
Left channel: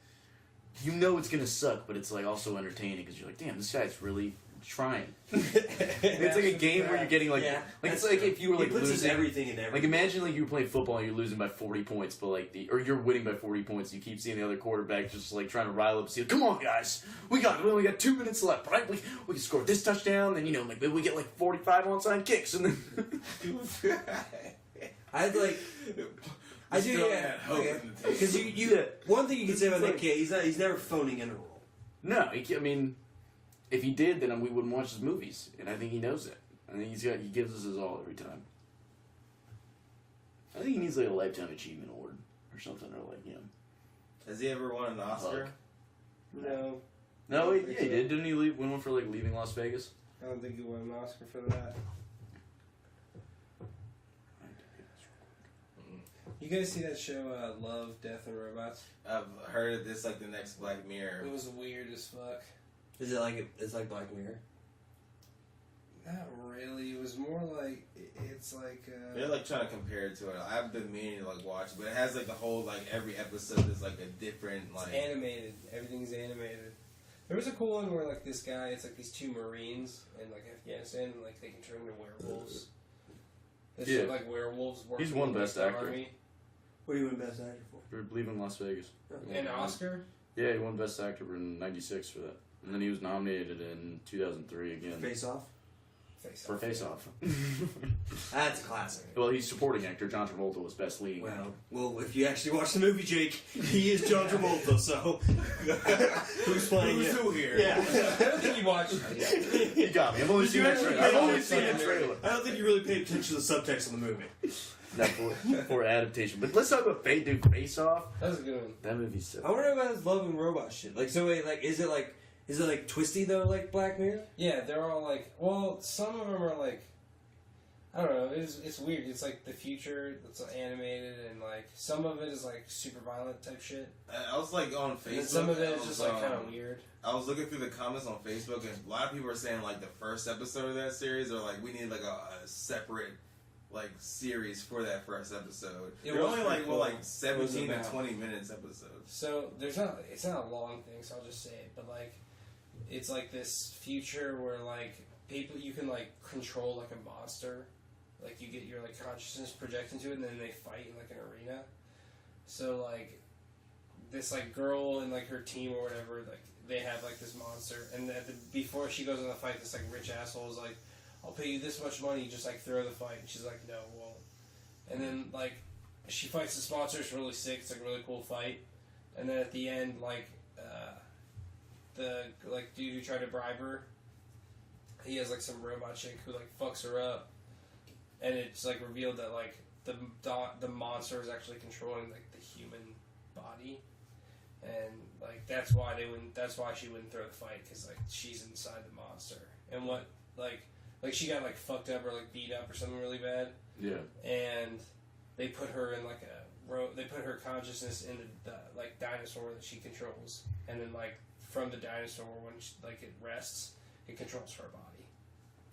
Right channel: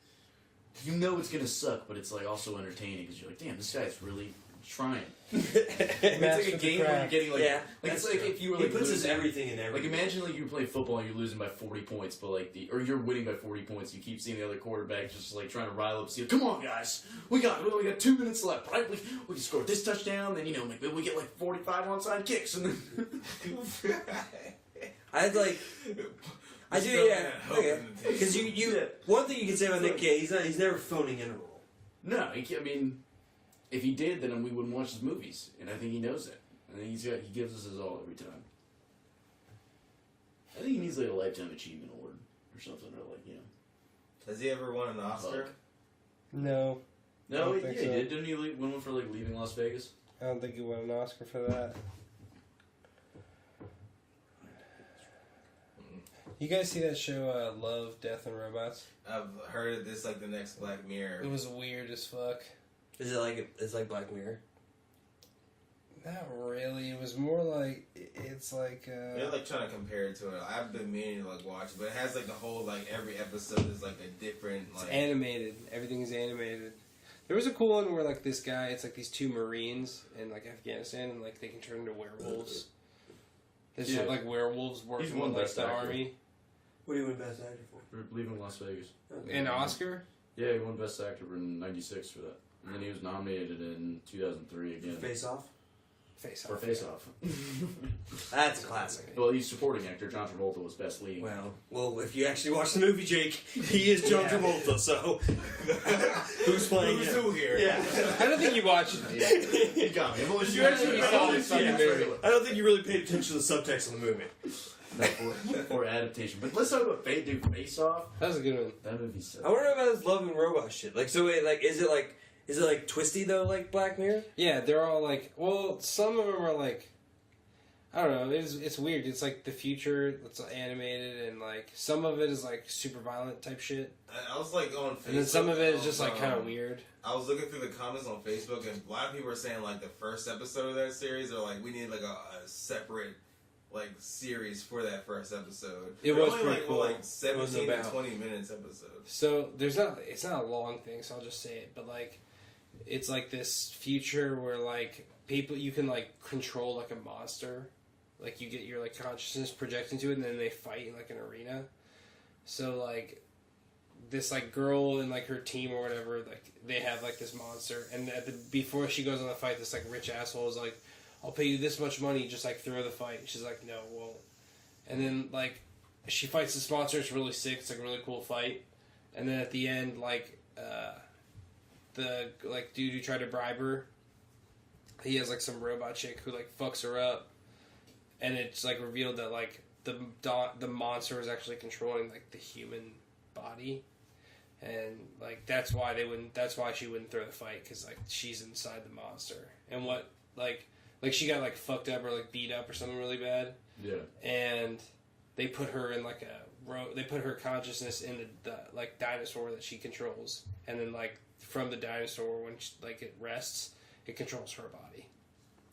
You know it's gonna suck, but it's like also entertaining because you're like, damn, this guy's really trying. It's like a game where you're getting like, Yeah, like it's that's like true. if you were he like puts his losing, everything in everything. like imagine like you were playing football and you're losing by 40 points, but like or you're winning by 40 points. You keep seeing the other quarterback just like trying to rile up. See, come on guys, we only got 2 minutes left, right? We can score this touchdown, then like maybe we get like 45 onside kicks, and then I'd like. I do, yeah. Okay. Because you one thing you can say about Nick Cage, he's never phoning in a role. no, I mean, if he did, then we wouldn't watch his movies, and I think he knows it. I think he gives us his all every time. I think he needs like a lifetime achievement award or something, or like Has he ever won an Oscar? No. No, I don't yeah, think he so. did. Didn't he win one for like leaving Las Vegas? I don't think he won an Oscar for that. You guys see that show, Love, Death, and Robots? I've heard of this like the next Black Mirror. It was weird as fuck. Is it like it's like Black Mirror? Not really. It was more like it's like. They're like trying to compare it to it. I've been meaning to like watch it, but it has like the whole like every episode is like a different like. It's animated. Everything's animated. There was a cool one where like this guy, it's like these two Marines in like Afghanistan, and like they can turn into werewolves. There's Yeah. like werewolves working He's won with, like, Best the Actor. army. What do you win Best Actor for? For leaving Las Vegas. An Oscar? Yeah, he won Best Actor in '96 for that, and then he was nominated in 2003 again Face Off. Face for Off. Face Off. That's a classic. Well, he's supporting actor. John Travolta was Best Leading. Well, if you actually watch the movie, Jake, he is John Travolta. So who's playing Who's him? who here? Yeah. I don't think you watched it. You got me. I've only Did seen you it. actually- I've I only don't seen think- it. I don't think you really paid attention to the subtext of the movie. That for adaptation. But let's talk about Face Off. That was a good one. That movie's so. I want to know about this love and robot shit. Like, so wait, like, is it like twisty though, like Black Mirror? Yeah, they're all like. Well, some of them are like. I don't know. It's weird. It's like the future. It's animated, and like some of it is like super violent type shit, I was like on Facebook. and then some of it is just like kind of um, weird. I was looking through the comments on Facebook, and a lot of people are saying like the first episode of that series, are like we need like a separate like series for that first episode. It They're was only pretty like cool. like 17 to about? 20 minutes episode. So it's not a long thing, so I'll just say it. But like, it's like this future where like people you can like control like a monster, like you get your like consciousness projected into it, and then they fight in like an arena. So like this like girl and like her team or whatever, like they have like this monster, and before she goes on the fight, this like rich asshole is like, I'll pay you this much money, just like throw the fight. And she's like, no, won't. And then like she fights this monster. It's really sick. It's like a really cool fight. And then at the end, like the like dude who tried to bribe her, he has like some robot chick who like fucks her up, and it's like revealed that like the monster was actually controlling like the human body, and like that's why she wouldn't throw the fight, because like she's inside the monster. And what like she got like fucked up or like beat up or something really bad. Yeah. And they put her in like they put her consciousness in the like dinosaur that she controls, and then like from the dinosaur, when it rests, it controls her body.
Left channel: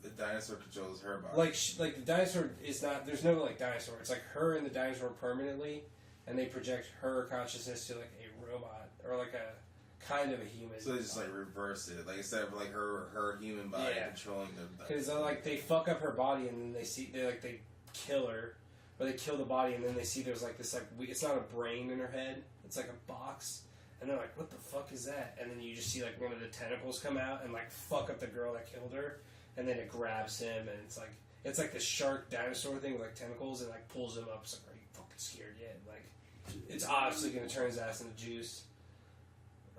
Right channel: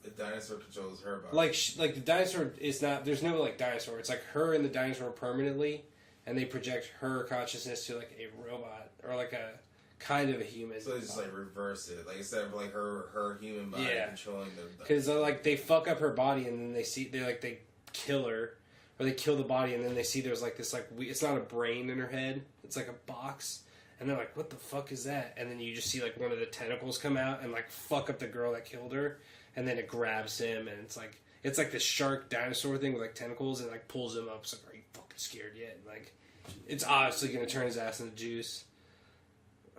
The dinosaur controls her body. Like the dinosaur is not. There's no like dinosaur. It's like her and the dinosaur permanently, and they project her consciousness to like a robot or like a kind of a human. So they just like reverse it, like instead of like her human body controlling the. Because like they fuck up her body, and then they kill her, or they kill the body, and then they see there's like this like it's not a brain in her head. It's like a box. And they're like, what the fuck is that? And then you just see like one of the tentacles come out and like fuck up the girl that killed her. And then it grabs him, and it's like this shark dinosaur thing with like tentacles, and like pulls him up. It's like, are you fucking scared yet? And like, it's obviously gonna turn his ass into juice.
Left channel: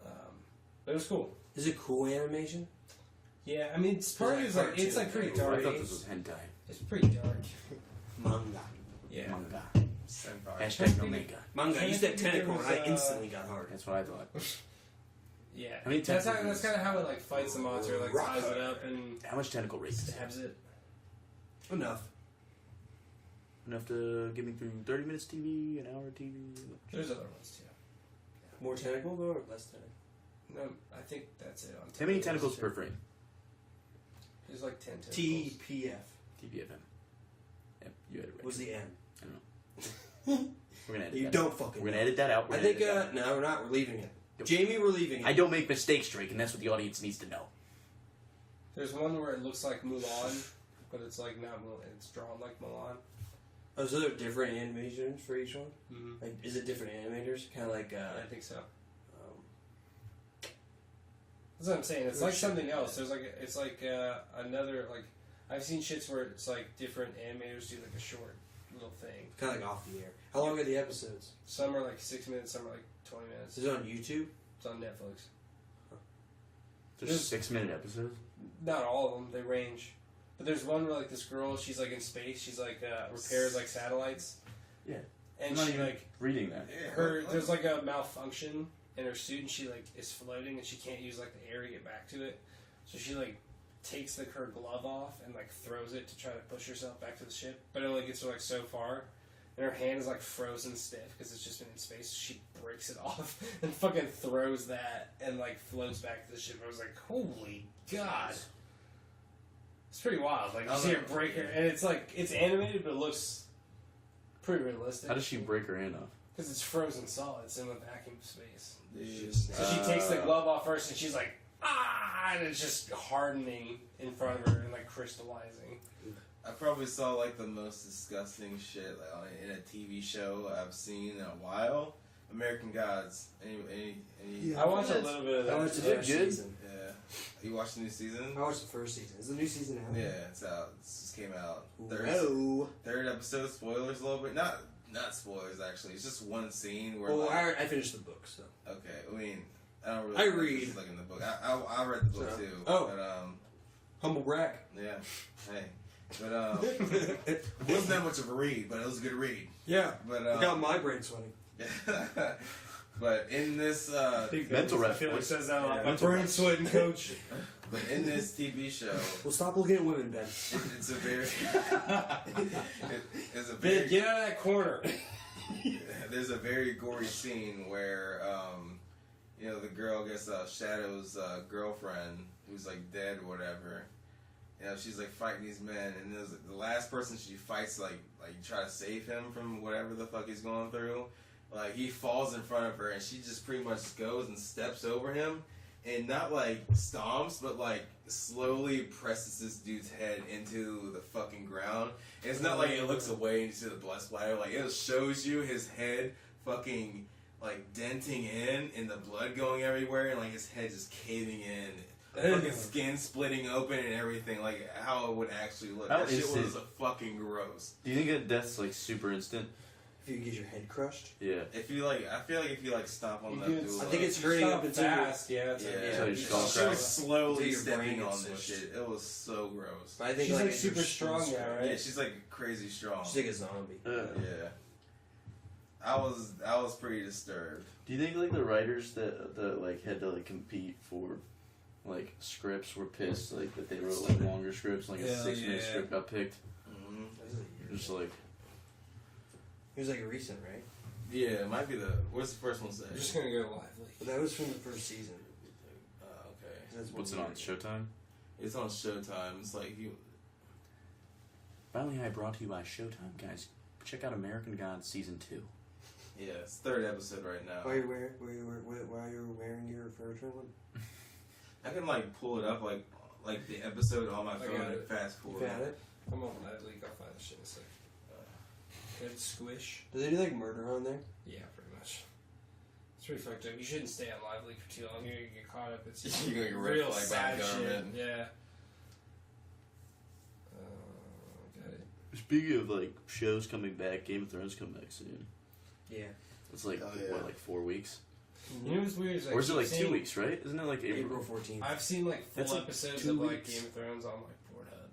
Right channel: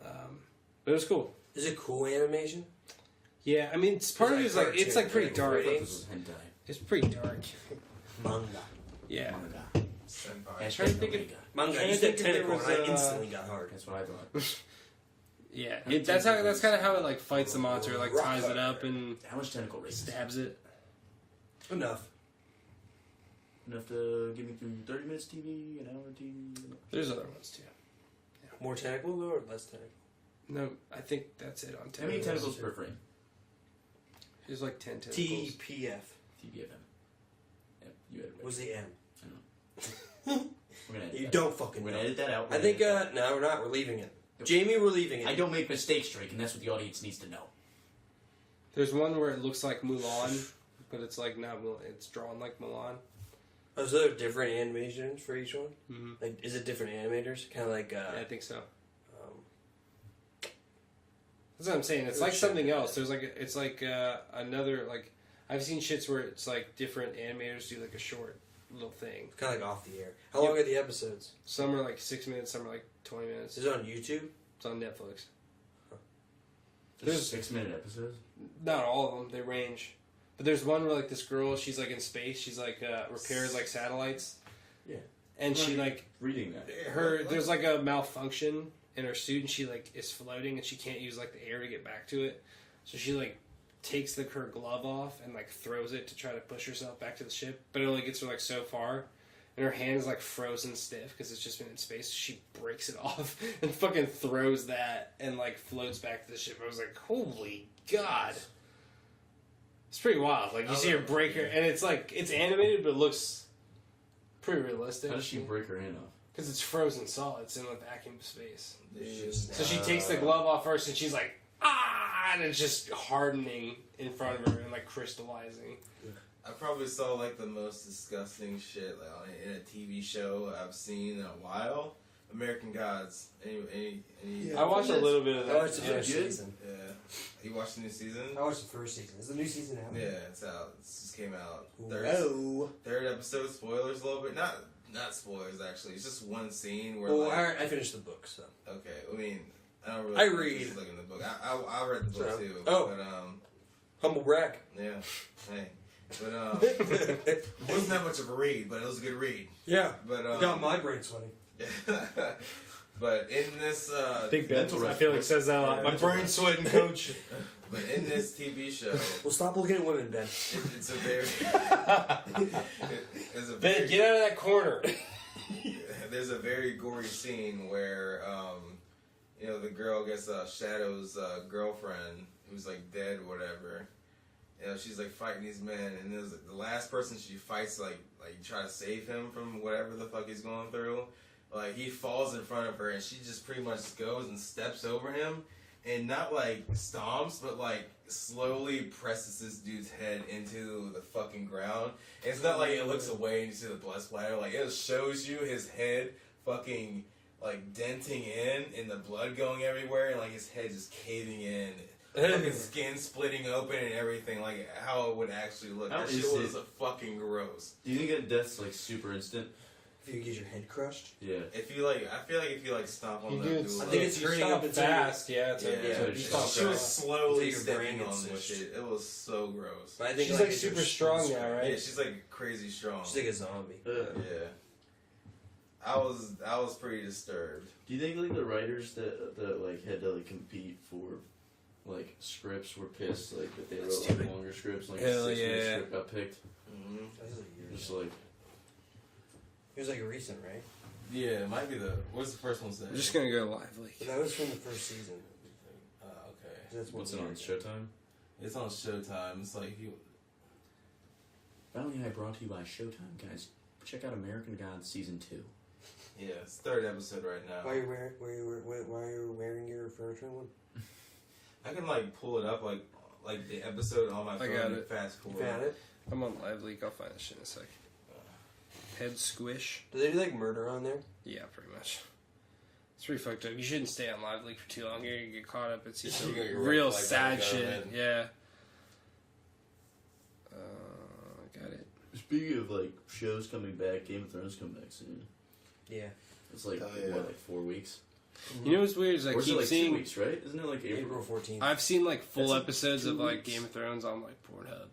But it was cool. Is it cool animation? Yeah, I mean, it's part of it's like pretty dark. I thought this was hentai. It's pretty dark. Manga. Yeah. Manga. Senpai. Hashtag Omega. Manga. You said tentacle, and I instantly got hard. That's what I thought. Yeah, that's kind of how it like fights the monster. It, like ties it up and How much tentacle race? stabs it. Enough. Enough to get me through 30 minutes TV, an hour TV. There's other ones too. More tentacle though, or less tentacle? No, I think that's it on. How many tentacles per frame? There's like 10 tentacles. TPF. TBFM. Yep, you had it right. What's the M? I don't know. We're gonna edit You that. don't fucking. We're gonna edit that out. I think. No, we're not. We're leaving it. Jamie, we're leaving it. I don't make mistakes, Drake, and that's what the audience needs to know. There's one where it looks like Mulan, but it's like not Mulan. It's drawn like Mulan. Oh, so there are different animations for each one? Mm-hmm. Like, is it different animators? Kind of like. Yeah, I think so. That's what I'm saying. It's like something else. There's like it's like another like I've seen shits where it's like different animators do like a short little thing. Kind of like off the air. How long are the episodes? Some are like 6 minutes. Some are like 20 minutes. Is it on YouTube? It's on Netflix. There's 6-minute episodes? Not all of them. They range. But there's one where like this girl, she's like in space. She's like repairs like satellites. Yeah. And she like reading that. There's like a malfunction in her suit, and she like is floating, and she can't use like the air to get back to it. So she like takes her glove off and like throws it to try to push herself back to the ship, but it only gets her like so far. And her hand is like frozen stiff because it's just been in space. So she breaks it off and fucking throws that and like floats back to the ship. I was like, holy god. It's pretty wild. Like you see her break her, and it's like, it's animated, but it looks pretty realistic. How does she break her hand off? Because it's frozen solid. It's in a vacuum space. Jeez. So she takes the glove off first, and she's like, ah! And it's just hardening in front of her and like crystallizing. I probably saw like the most disgusting shit like in a TV show I've seen in a while. American Gods. Any I watched a little bit of that. I watched the first season. Yeah. You watched the new season? I watched the first season. Is the new season out? Yeah, it's out. It just came out. Whoa. Third episode. Spoilers a little bit. Not spoilers actually. It's just one scene where. Well, like, I finished the book, so. Okay, I mean, I don't really. I read. Like in the book. I read the book So, too. oh. But Humble brag. yeah. Hey. But it wasn't that much of a read, but it was a good read. Yeah. But Got my brain sweating. But in this Big mental I feel like it says that a lot. My brain sweating, coach. but in this TV show, Well, stop looking at women, Ben. it's a very Ben, get out of that corner. there's a very gory scene where the girl gets Shadow's girlfriend who's like dead or whatever. She's like fighting these men, and there's the last person she fights like try to save him from whatever the fuck he's going through. Like he falls in front of her, and she just pretty much goes and steps over him, and not like stomps, but like slowly presses this dude's head into the fucking ground. And it's not like it looks away and you see the blood splatter. Like it shows you his head fucking like denting in and the blood going everywhere and like his head just caving in. Fucking skin splitting open and everything, like how it would actually look. How That shit is was it? fucking gross. Do you think that death's like super instant? If you get your head crushed. Yeah. If you like, I feel like if you like stomp on that dude, I think it's hurting up until fast. Yeah, it's she was slowly Until your brain stepping on gets this switched. shit. It was so gross. But I think She's like like super strong now, right? Yeah, she's like crazy strong. She's like a zombie. Yeah. I was pretty disturbed. Do you think like the writers that like had to like compete for like scripts were pissed like that they wrote like longer scripts, like a 6-minute script got picked? Mm-hmm. That was a year Just ago. like It was like recent, right? Yeah, it might be the. What's the first one say? I'm just gonna go live. But that was from the first season. Okay. That's what's it one on year ago. Showtime? It's on Showtime. It's like you. Finally, I brought to you by Showtime, guys. Check out American Gods season 2. Yeah, it's third episode right now. Why are you wearing your furniture one? I can like pull it up like the episode on my phone got and it. fast forward. Found it? I'm on live leak. I'll find this shit in a sec. Head squish. Do they do like murder on there? Yeah, pretty much. It's pretty fucked up. You shouldn't stay on live leak for too long. You're gonna get caught up. It's just You're gonna get real red flagged by sad the shit. government. Yeah. Got it. Speaking of like shows coming back, Game of Thrones coming back soon. Yeah. It's like what, like 4 weeks? You know what's weird is I Or is it keep like seeing 2 weeks, right? Isn't it like April April? 14th. I've seen like full That's like episodes 2 of like weeks. Game of Thrones on like Pornhub.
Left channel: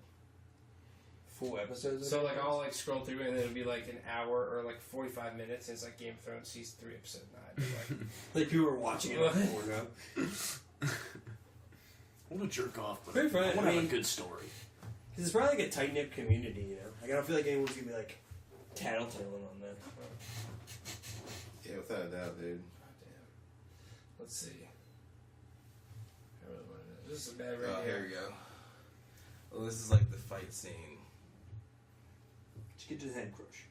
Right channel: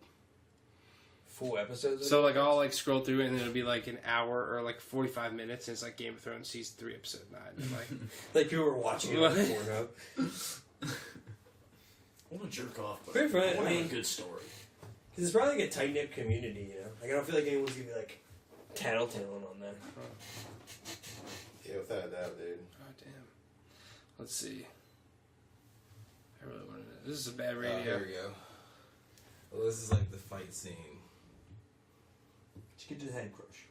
Full episodes? So like I'll like scroll through it and it'll be like an hour or like 45 minutes and it's like Game of Thrones season 3 episode 9. And, like Like people were watching it on Pornhub. I want to jerk off, but Very fun. I want to I have mean- a good story. Because it's probably like a tight knit community, you know? Like I don't feel like anyone's gonna be like tattletaling on that. Yeah, without a doubt, dude. oh damn. Let's see. I really wanted to. This is a bad radio. Oh, here we go. Well, this is like the fight scene. Just get to the head crush.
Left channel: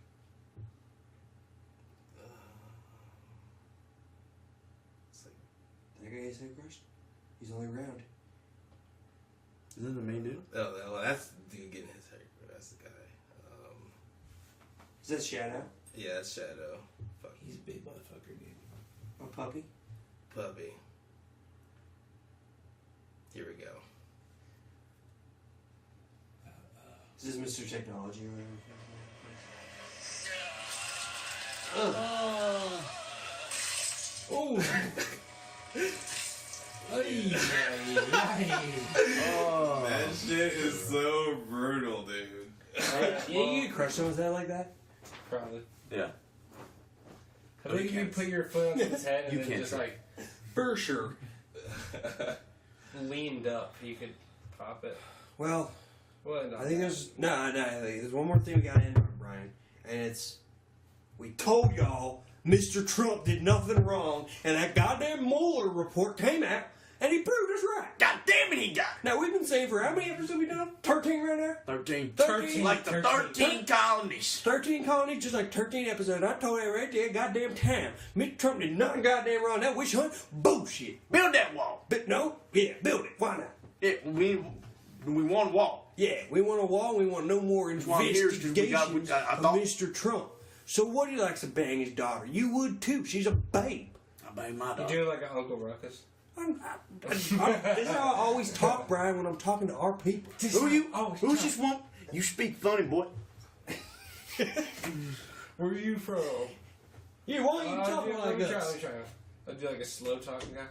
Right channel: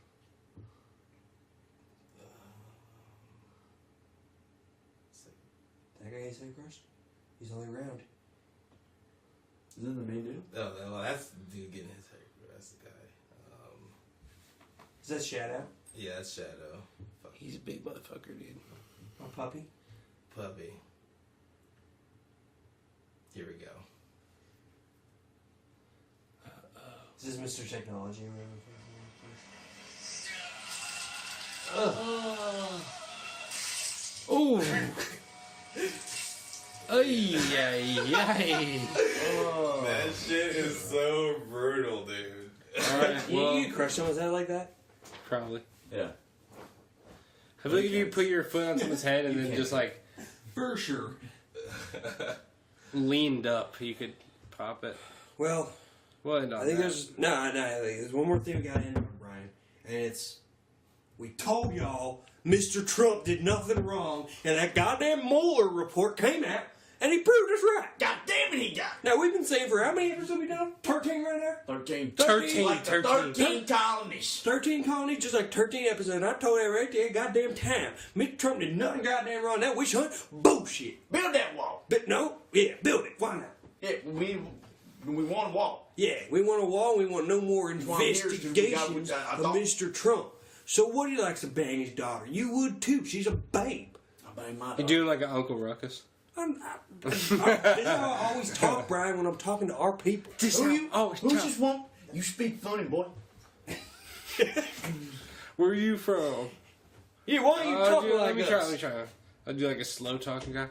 It's like, That guy gets head crushed? He's only around. Isn't it the main dude? oh, that's the dude getting his hair. That's the guy. Is that Shadow? Yeah, that's Shadow. Fuck, He's a big motherfucker, dude. My puppy? puppy. Here we go. Is this Mr. Technology or whatever? Ooh. Ay, ay, ay. Oh. That shit is so brutal, dude. Alright, well, You get crushed on his head like that? probably. Yeah. I think if you put your foot on someone's head and You then can't just like, for sure, leaned up, you could pop it. Well, Well, no. I think there's there's one more thing we got to end on, Brian, and it's we told y'all Mr. Trump did nothing wrong, and that goddamn Mueller report came out, and he proved us right. God damn it, he got it. Now we've been saying for how many episodes have we done? 13 right now. 13. 13, Like the 13 colonies. 13 colonies, just like 13 episodes. I told you right there, goddamn time. Mr. Trump did nothing goddamn wrong. That witch hunt, bullshit. Build that wall. But no, yeah, build it. Why not? Yeah, we want a wall. Yeah, we want a wall. We want no more why I'm here, dude. We got- investigations I of thought- Mr. Trump. So what, he likes to bang his daughter? You would too. She's a babe. I bang my You dog. doing like an Uncle Ruckus? This is how I always talk, Brian, when I'm talking to our people. Who you? Who just want? You speak funny, boy. Where are you from? Yeah, why are you talking let like me us? try. I'll do like a slow talking guy.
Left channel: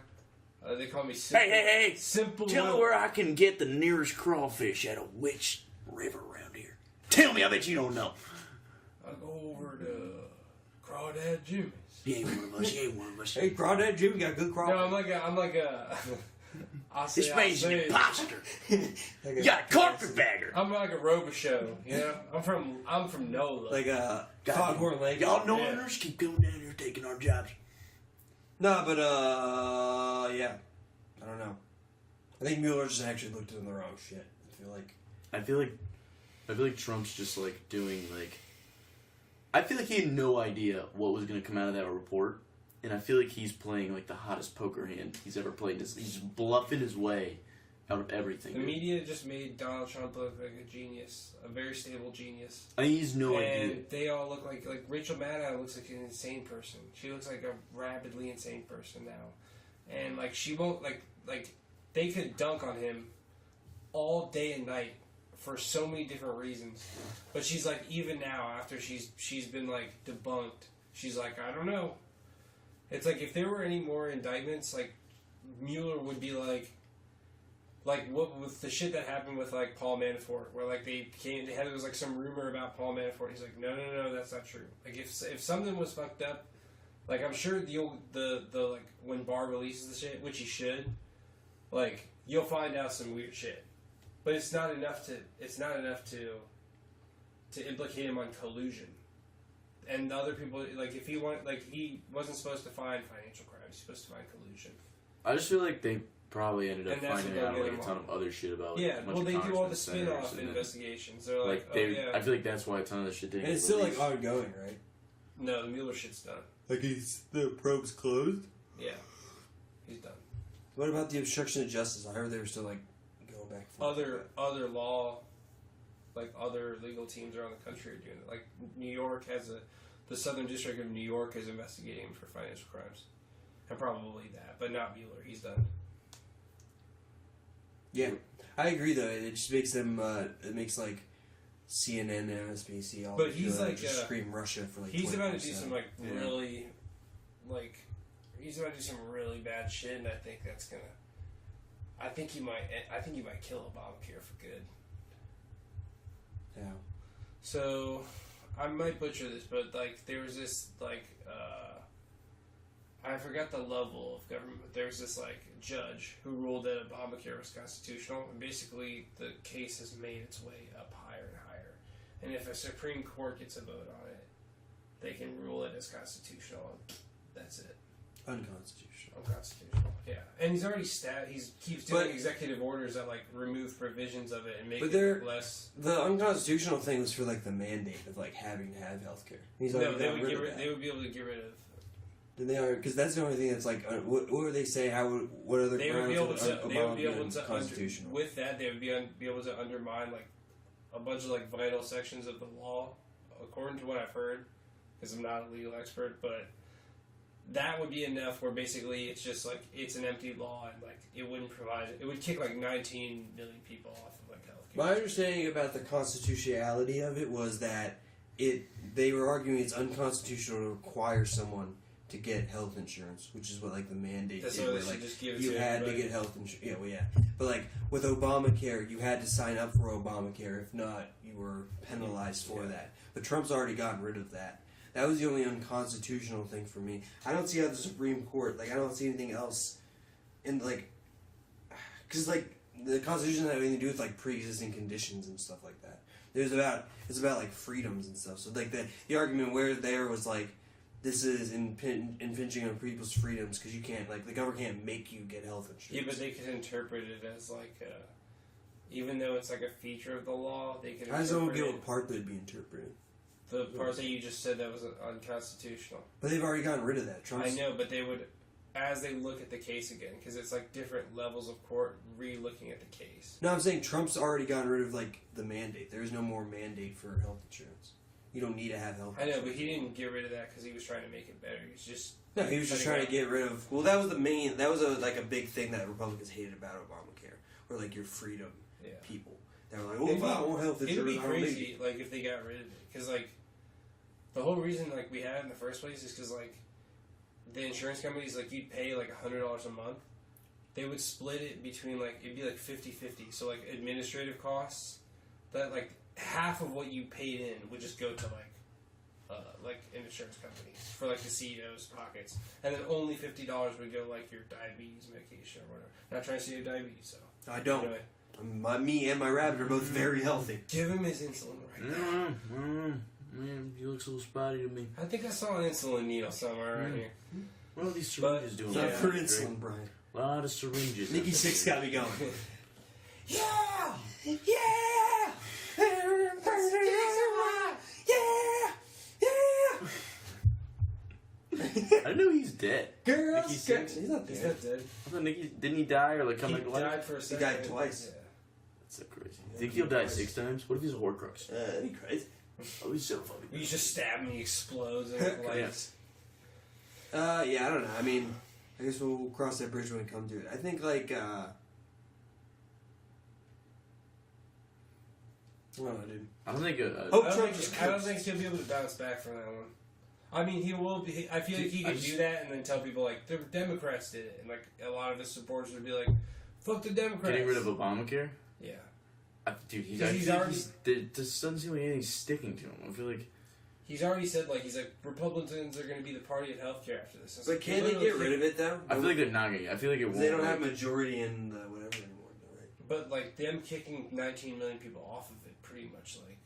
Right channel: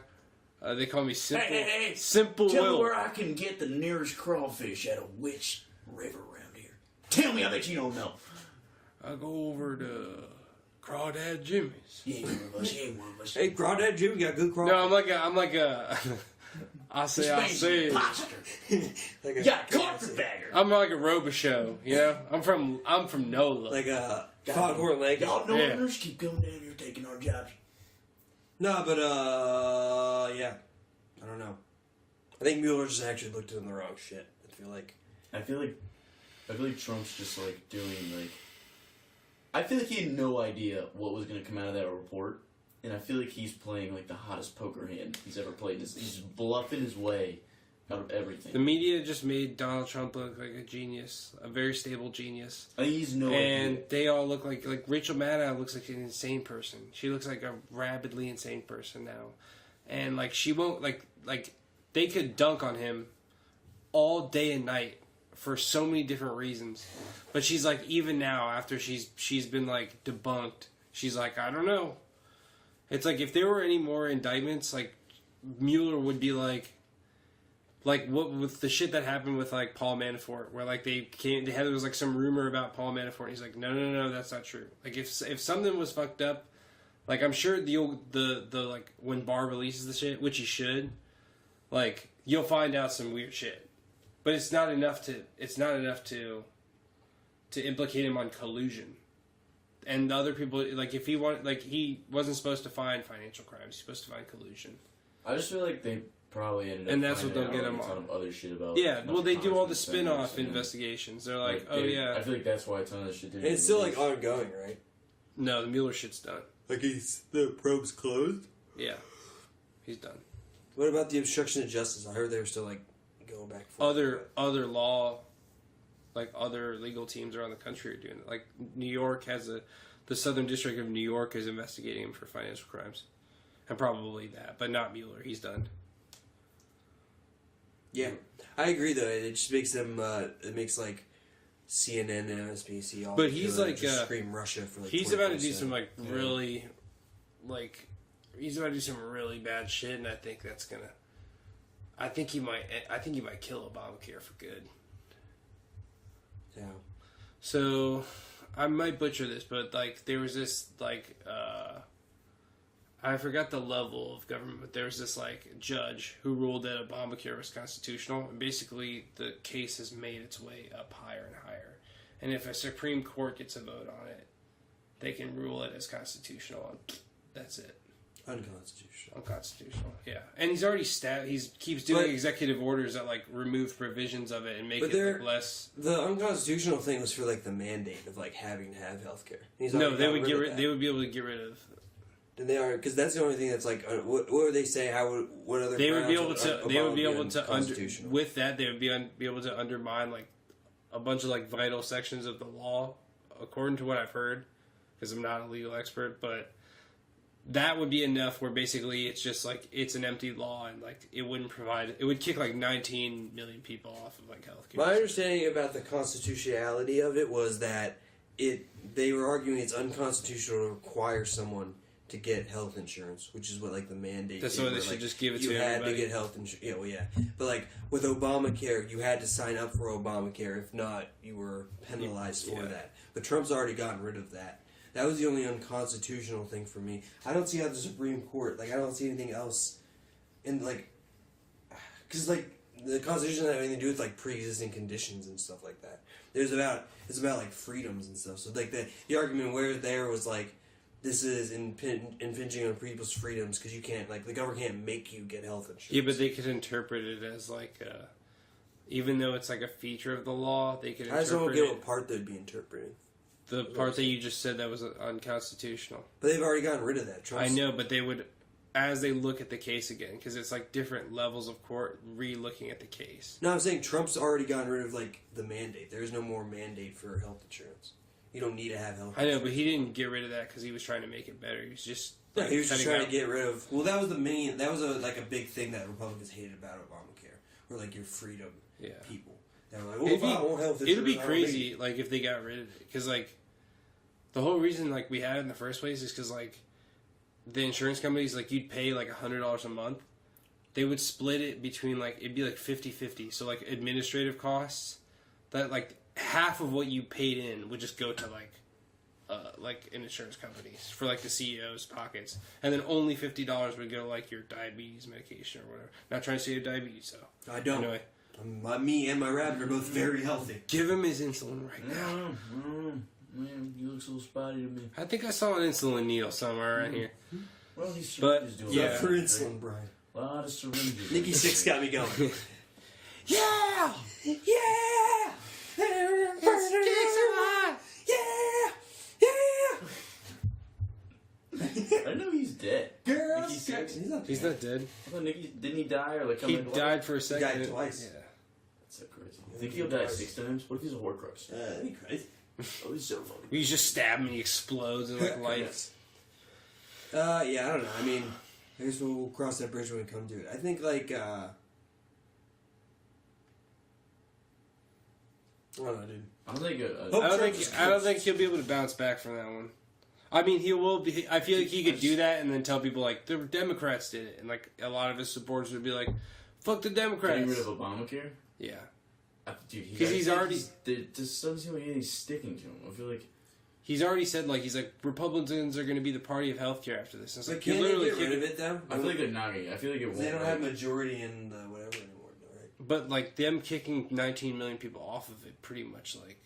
They call me Simple. Hey. Simple Tell me Will. where I can get the nearest crawfish at a witch river around here. Tell me, I bet you don't know. I go over to Crawdad Jimmy's. He ain't one of us. He ain't one of us. Hey, Crawdad Jimmy got good crawl. No, I'm like a. I This say. man's an imposter. Like You got a carpetbagger. I'm like a Robo-Show, you know? I'm from NOLA. like a foghorn leg. Y'all Yeah. northerners keep coming down here taking our jobs. No, but yeah, I don't know. I think Mueller just actually looked in the wrong shit. I feel like Trump's just like doing like. I feel like he had no idea what was going to come out of that report, and I feel like he's playing like the hottest poker hand he's ever played. He's bluffing his way out of everything. The media just made Donald Trump look like a genius, a very stable genius. He's no idea. And they all look like Rachel Maddow looks like an insane person. She looks like a rabidly insane person now. And like she won't like they could dunk on him all day and night for so many different reasons. But she's like, even now after she's been like debunked, she's like, I don't know. It's like if there were any more indictments, like Mueller would be like what with the shit that happened with like Paul Manafort, where like there was like some rumor about Paul Manafort, and he's like, no, that's not true. Like if something was fucked up, like I'm sure the like when Barr releases the shit, which he should, like you'll find out some weird shit, but it's not enough to implicate him on collusion. And the other people, like if he wasn't supposed to find financial crimes, he's supposed to find collusion. I just feel like they probably ended up And that's finding what they'll out get like, him a ton on. of other shit about. Yeah, well, they do all the senators spin-off and investigations. They're like, like, I feel like that's why a ton of this shit didn't. And it's still like ongoing, right? No, the Mueller shit's done. Like the probe's closed. Yeah, he's done. What about the obstruction of justice? I heard they were still like going back and forth. Other law, like other legal teams around the country are doing it. Like New York has the Southern District of New York is investigating him for financial crimes, and probably that, but not Mueller. He's done. Yeah, I agree though. It just makes them. It makes like CNN and MSNBC all. But he's like just scream Russia for like. He's about to do some like Yeah. really, like, he's about to do some really bad shit, and I think that's gonna. I think he might kill Obamacare for good. Yeah. So, I might butcher this, but like there was this like I forgot the level of government, but there was this like judge who ruled that Obamacare was constitutional, and basically the case has made its way up higher and higher. And if a Supreme Court gets a vote on it, they can rule it as constitutional, and that's it. Unconstitutional, yeah. And he's already he keeps doing executive orders that like remove provisions of it and make it less. The unconstitutional thing was for like the mandate of like having to have healthcare. No, they would They would be able to get rid of. And they are because that's the only thing that's like. What would they say? What other? They would be able to. They would be able to. Constitutional. With that, they would be able to undermine like a bunch of like vital sections of the law, according to what I've heard, because I'm not a legal expert, but. That would be enough where basically it's just like it's an empty law and like it would kick like 19 million people off of like healthcare. My understanding about the constitutionality of it was that they were arguing it's unconstitutional to require someone to get health insurance, which is what like the mandate. That's did, why they where, should like, just give it you to had everybody. to get health insurance. Yeah, well, yeah, but like with Obamacare, you had to sign up for Obamacare. If not, you were penalized for that. But Trump's already gotten rid of that. That was the only unconstitutional thing for me. I don't see how the Supreme Court, like, I don't see anything else in, like, because, like, the Constitution doesn't have anything to do with, like, pre-existing conditions and stuff like that. It's about, like, freedoms and stuff. So, like, the argument where there was, like, this is impinging on people's freedoms because you can't, like, the government can't make you get health insurance. Yeah, but they could interpret it as, like, even though it's, like, a feature of the law, they could interpret I just don't get what part they'd be interpreting. The part that you just said that was unconstitutional. But they've already gotten rid of that. I know, but they would, as they look at the case again, because it's like different levels of court re-looking at the case. No, I'm saying Trump's already gotten rid of, like, the mandate. There is no more mandate for health insurance. You don't need to have health insurance. I know, but he didn't get rid of that because he was trying to make it better. He was just... No, he was just trying to get rid of... Well, that was a big thing that Republicans hated about Obamacare. Or, like, your freedom people. They were like, I want health insurance. It'd be crazy, like, if they got rid of it. Because, like, the whole reason, like, we had it in the first place is because, like, the insurance companies, like, you'd pay, like, $100 a month. They would split it between, like, it'd be, like, 50-50. So, like, administrative costs, that, like, half of what you paid in would just go to, like insurance companies for, like, the CEO's pockets. And then only $50 would go, like, your diabetes medication or whatever. Not trying to say you have diabetes, so. I don't. Anyway. Me and my rabbit are both very healthy. Give him his insulin right now. Man, you look so spotty to me. I think I saw an insulin needle somewhere right here. What are these syringes doing? Yeah, for insulin, Brian. A lot of syringes. Nikki Six got me going. Yeah! Yeah! Yeah! I know he's dead. Girl, Nikki's sick. He's not dead. I thought Nicky didn't he die or like come He back to life? died for a second. He died twice. Yeah. That's so crazy. You think he'll die 6 times? What if he's a Horcrux? That'd be crazy. Oh, he's so funny. You just stab him and he explodes and like lights. Yeah, I don't know. I mean, I guess we'll cross that bridge when we come to it. I think like I don't know, dude. I don't think. I don't think he'll be able to bounce back from that one. I mean, he will be. I feel like he could do that and then tell people like the Democrats did it, and like a lot of his supporters would be like, "Fuck the Democrats." Getting rid of Obamacare. Yeah. Dude, he's already. This doesn't seem like anything's sticking to him. I feel like he's already said like Republicans are going to be the party of healthcare after this. Like, can they get rid of it though? I feel like they're not gonna. I feel like it won't. They don't have majority in the whatever anymore, right? But like them kicking 19 million people off of it, pretty much like.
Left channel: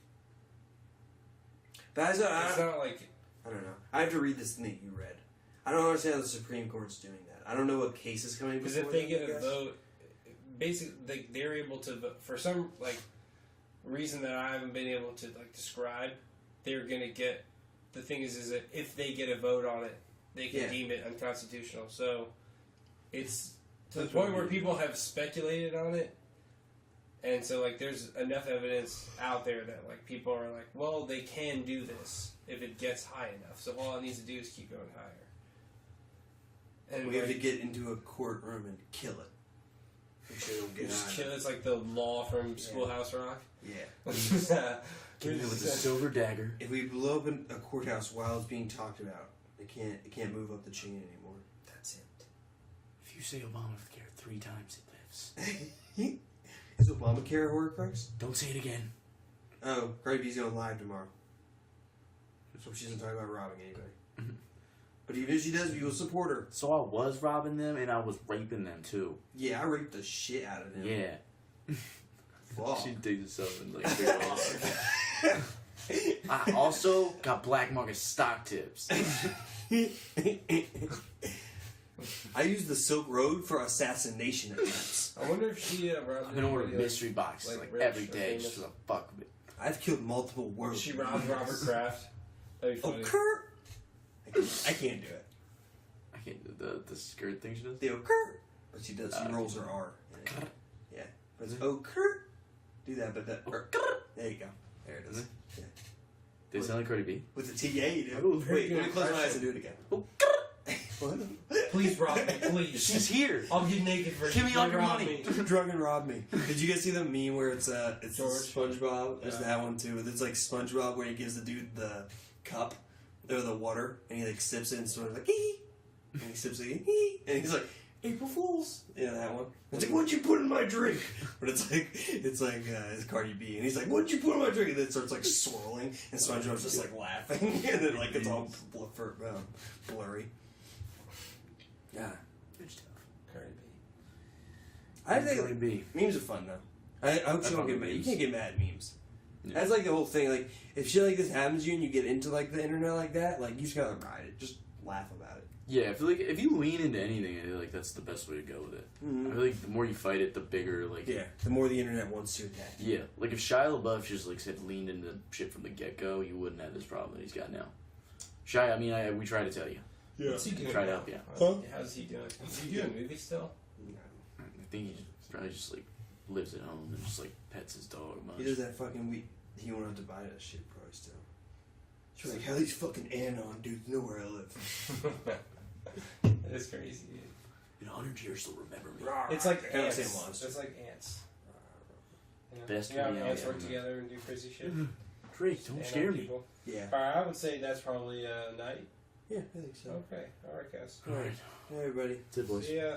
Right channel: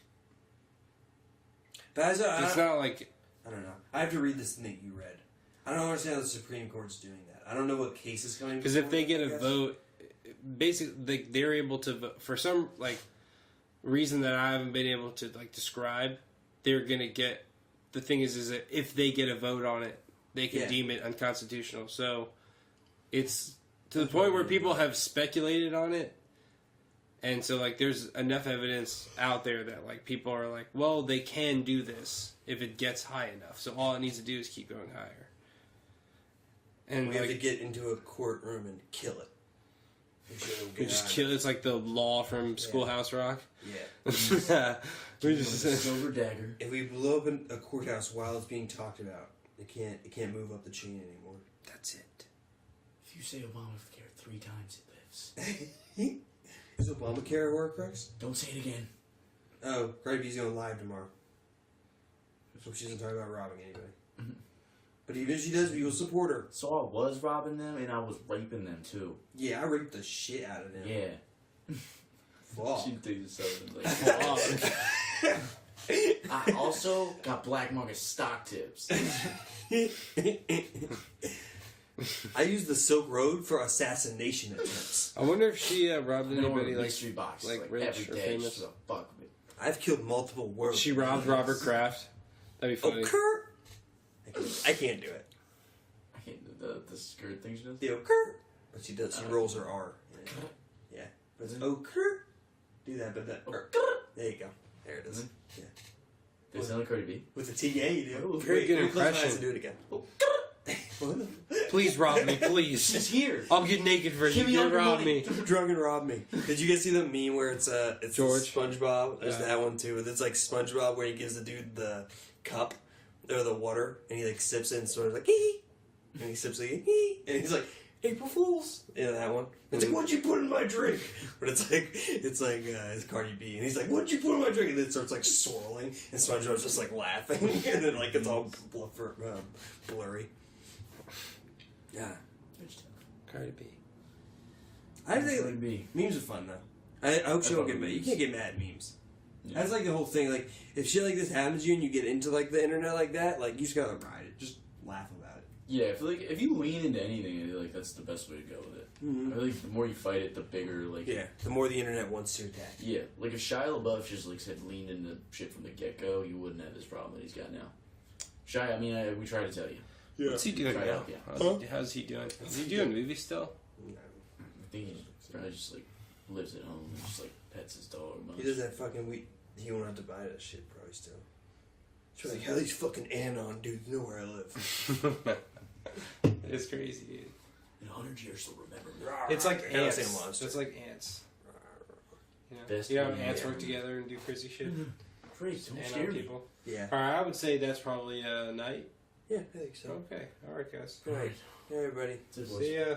But it's not like. I don't know. I have to read this thing that you read. I don't understand how the Supreme Court's doing that. I don't know what case is coming. Because if they get a vote, basically they're able to vote for some like reason that I haven't been able to like describe. They're gonna get. The thing is that if they get a vote on it, they can deem it unconstitutional. So it's to the point where people have speculated on it. And so, like, there's enough evidence out there that, like, people are like, well, they can do this if it gets high enough. So all it needs to do is keep going higher. And we have to get into a courtroom and kill it. Make sure it'll get just kill. It's like the law from Schoolhouse Rock. Yeah. We're just a silver dagger. If we blow up a courthouse while it's being talked about, it can't move up the chain anymore. That's it. If you say Obamacare 3 times, it lives. Is Obamacare a Horcrux? Don't say it again. Oh, Grape's going live tomorrow. So she doesn't talk about robbing anybody. But even if she does, we will support her. So I was robbing them and I was raping them too. Yeah, I raped the shit out of them. Yeah. Fuck. She digs herself in like. I also got black market stock tips. I used the Silk Road for assassination attempts. I wonder if she robbed anybody mystery boxes like rich every or day famous. just for the fuck of it. I've killed multiple world. She robbed Robert Kraft. That'd be funny. Kurt. I can't do it. I can't do the skirt thing she does. The Kurt. But she does. She rolls her R. Yeah. But it's Kurt. Do that, but that. There you go. There it is. Yeah. They sound like Cardi B. With the T, yeah, you do. Oh, very good Let me close my impression. eyes and do it again. Please rob me, please. She's here. I'll get naked for Give me you. all your Rob money. me. Drunk and rob me. Did you guys see the meme where it's George? SpongeBob? There's that one too. It's like SpongeBob where he gives the dude the cup or the water and he like sips it and sort of like hee, and he sips it hee, and he's like April Fools. You know that one? It's like, what'd you put in my drink? But it's Cardi B, and he's like, what'd you put in my drink? And then it starts like swirling, and SpongeBob's just like laughing, and then like it's all blurry. Yeah. Cardi B. I think memes are fun though. I hope she don't get mad. You can't get mad at memes. Yeah. That's like the whole thing. Like if shit like this happens to you and you get into like the internet like that, like you just gotta ride it. Just laugh about it. Yeah, I feel like if you lean into anything, I feel like that's the best way to go with it. Mm-hmm. I feel like the more you fight it, the bigger like. Yeah. The more the internet wants to attack. Yeah, like if Shia LaBeouf just like said leaned into shit from the get go, you wouldn't have this problem that he's got now. Shia, I mean, we try to tell you. Yeah. What's he doing? Try to help you. How's he doing? Is he doing movies still? No. I think he probably just like lives at home and just like pets his dog. Much. He does that fucking week. He won't have to buy that shit probably still. It's like, how these fucking Anon dudes know where I live. It's crazy, dude. In 100 years, they'll remember me. It's like Don't ants. say monster. It's like ants. Best You know, thing ants ever. work together and do crazy shit. Freak, don't Ant scare me. people. Yeah. Alright, I would say that's probably night. Yeah, I think so. Okay, alright, guys. All right. Hey, everybody. That's it, boys. See ya.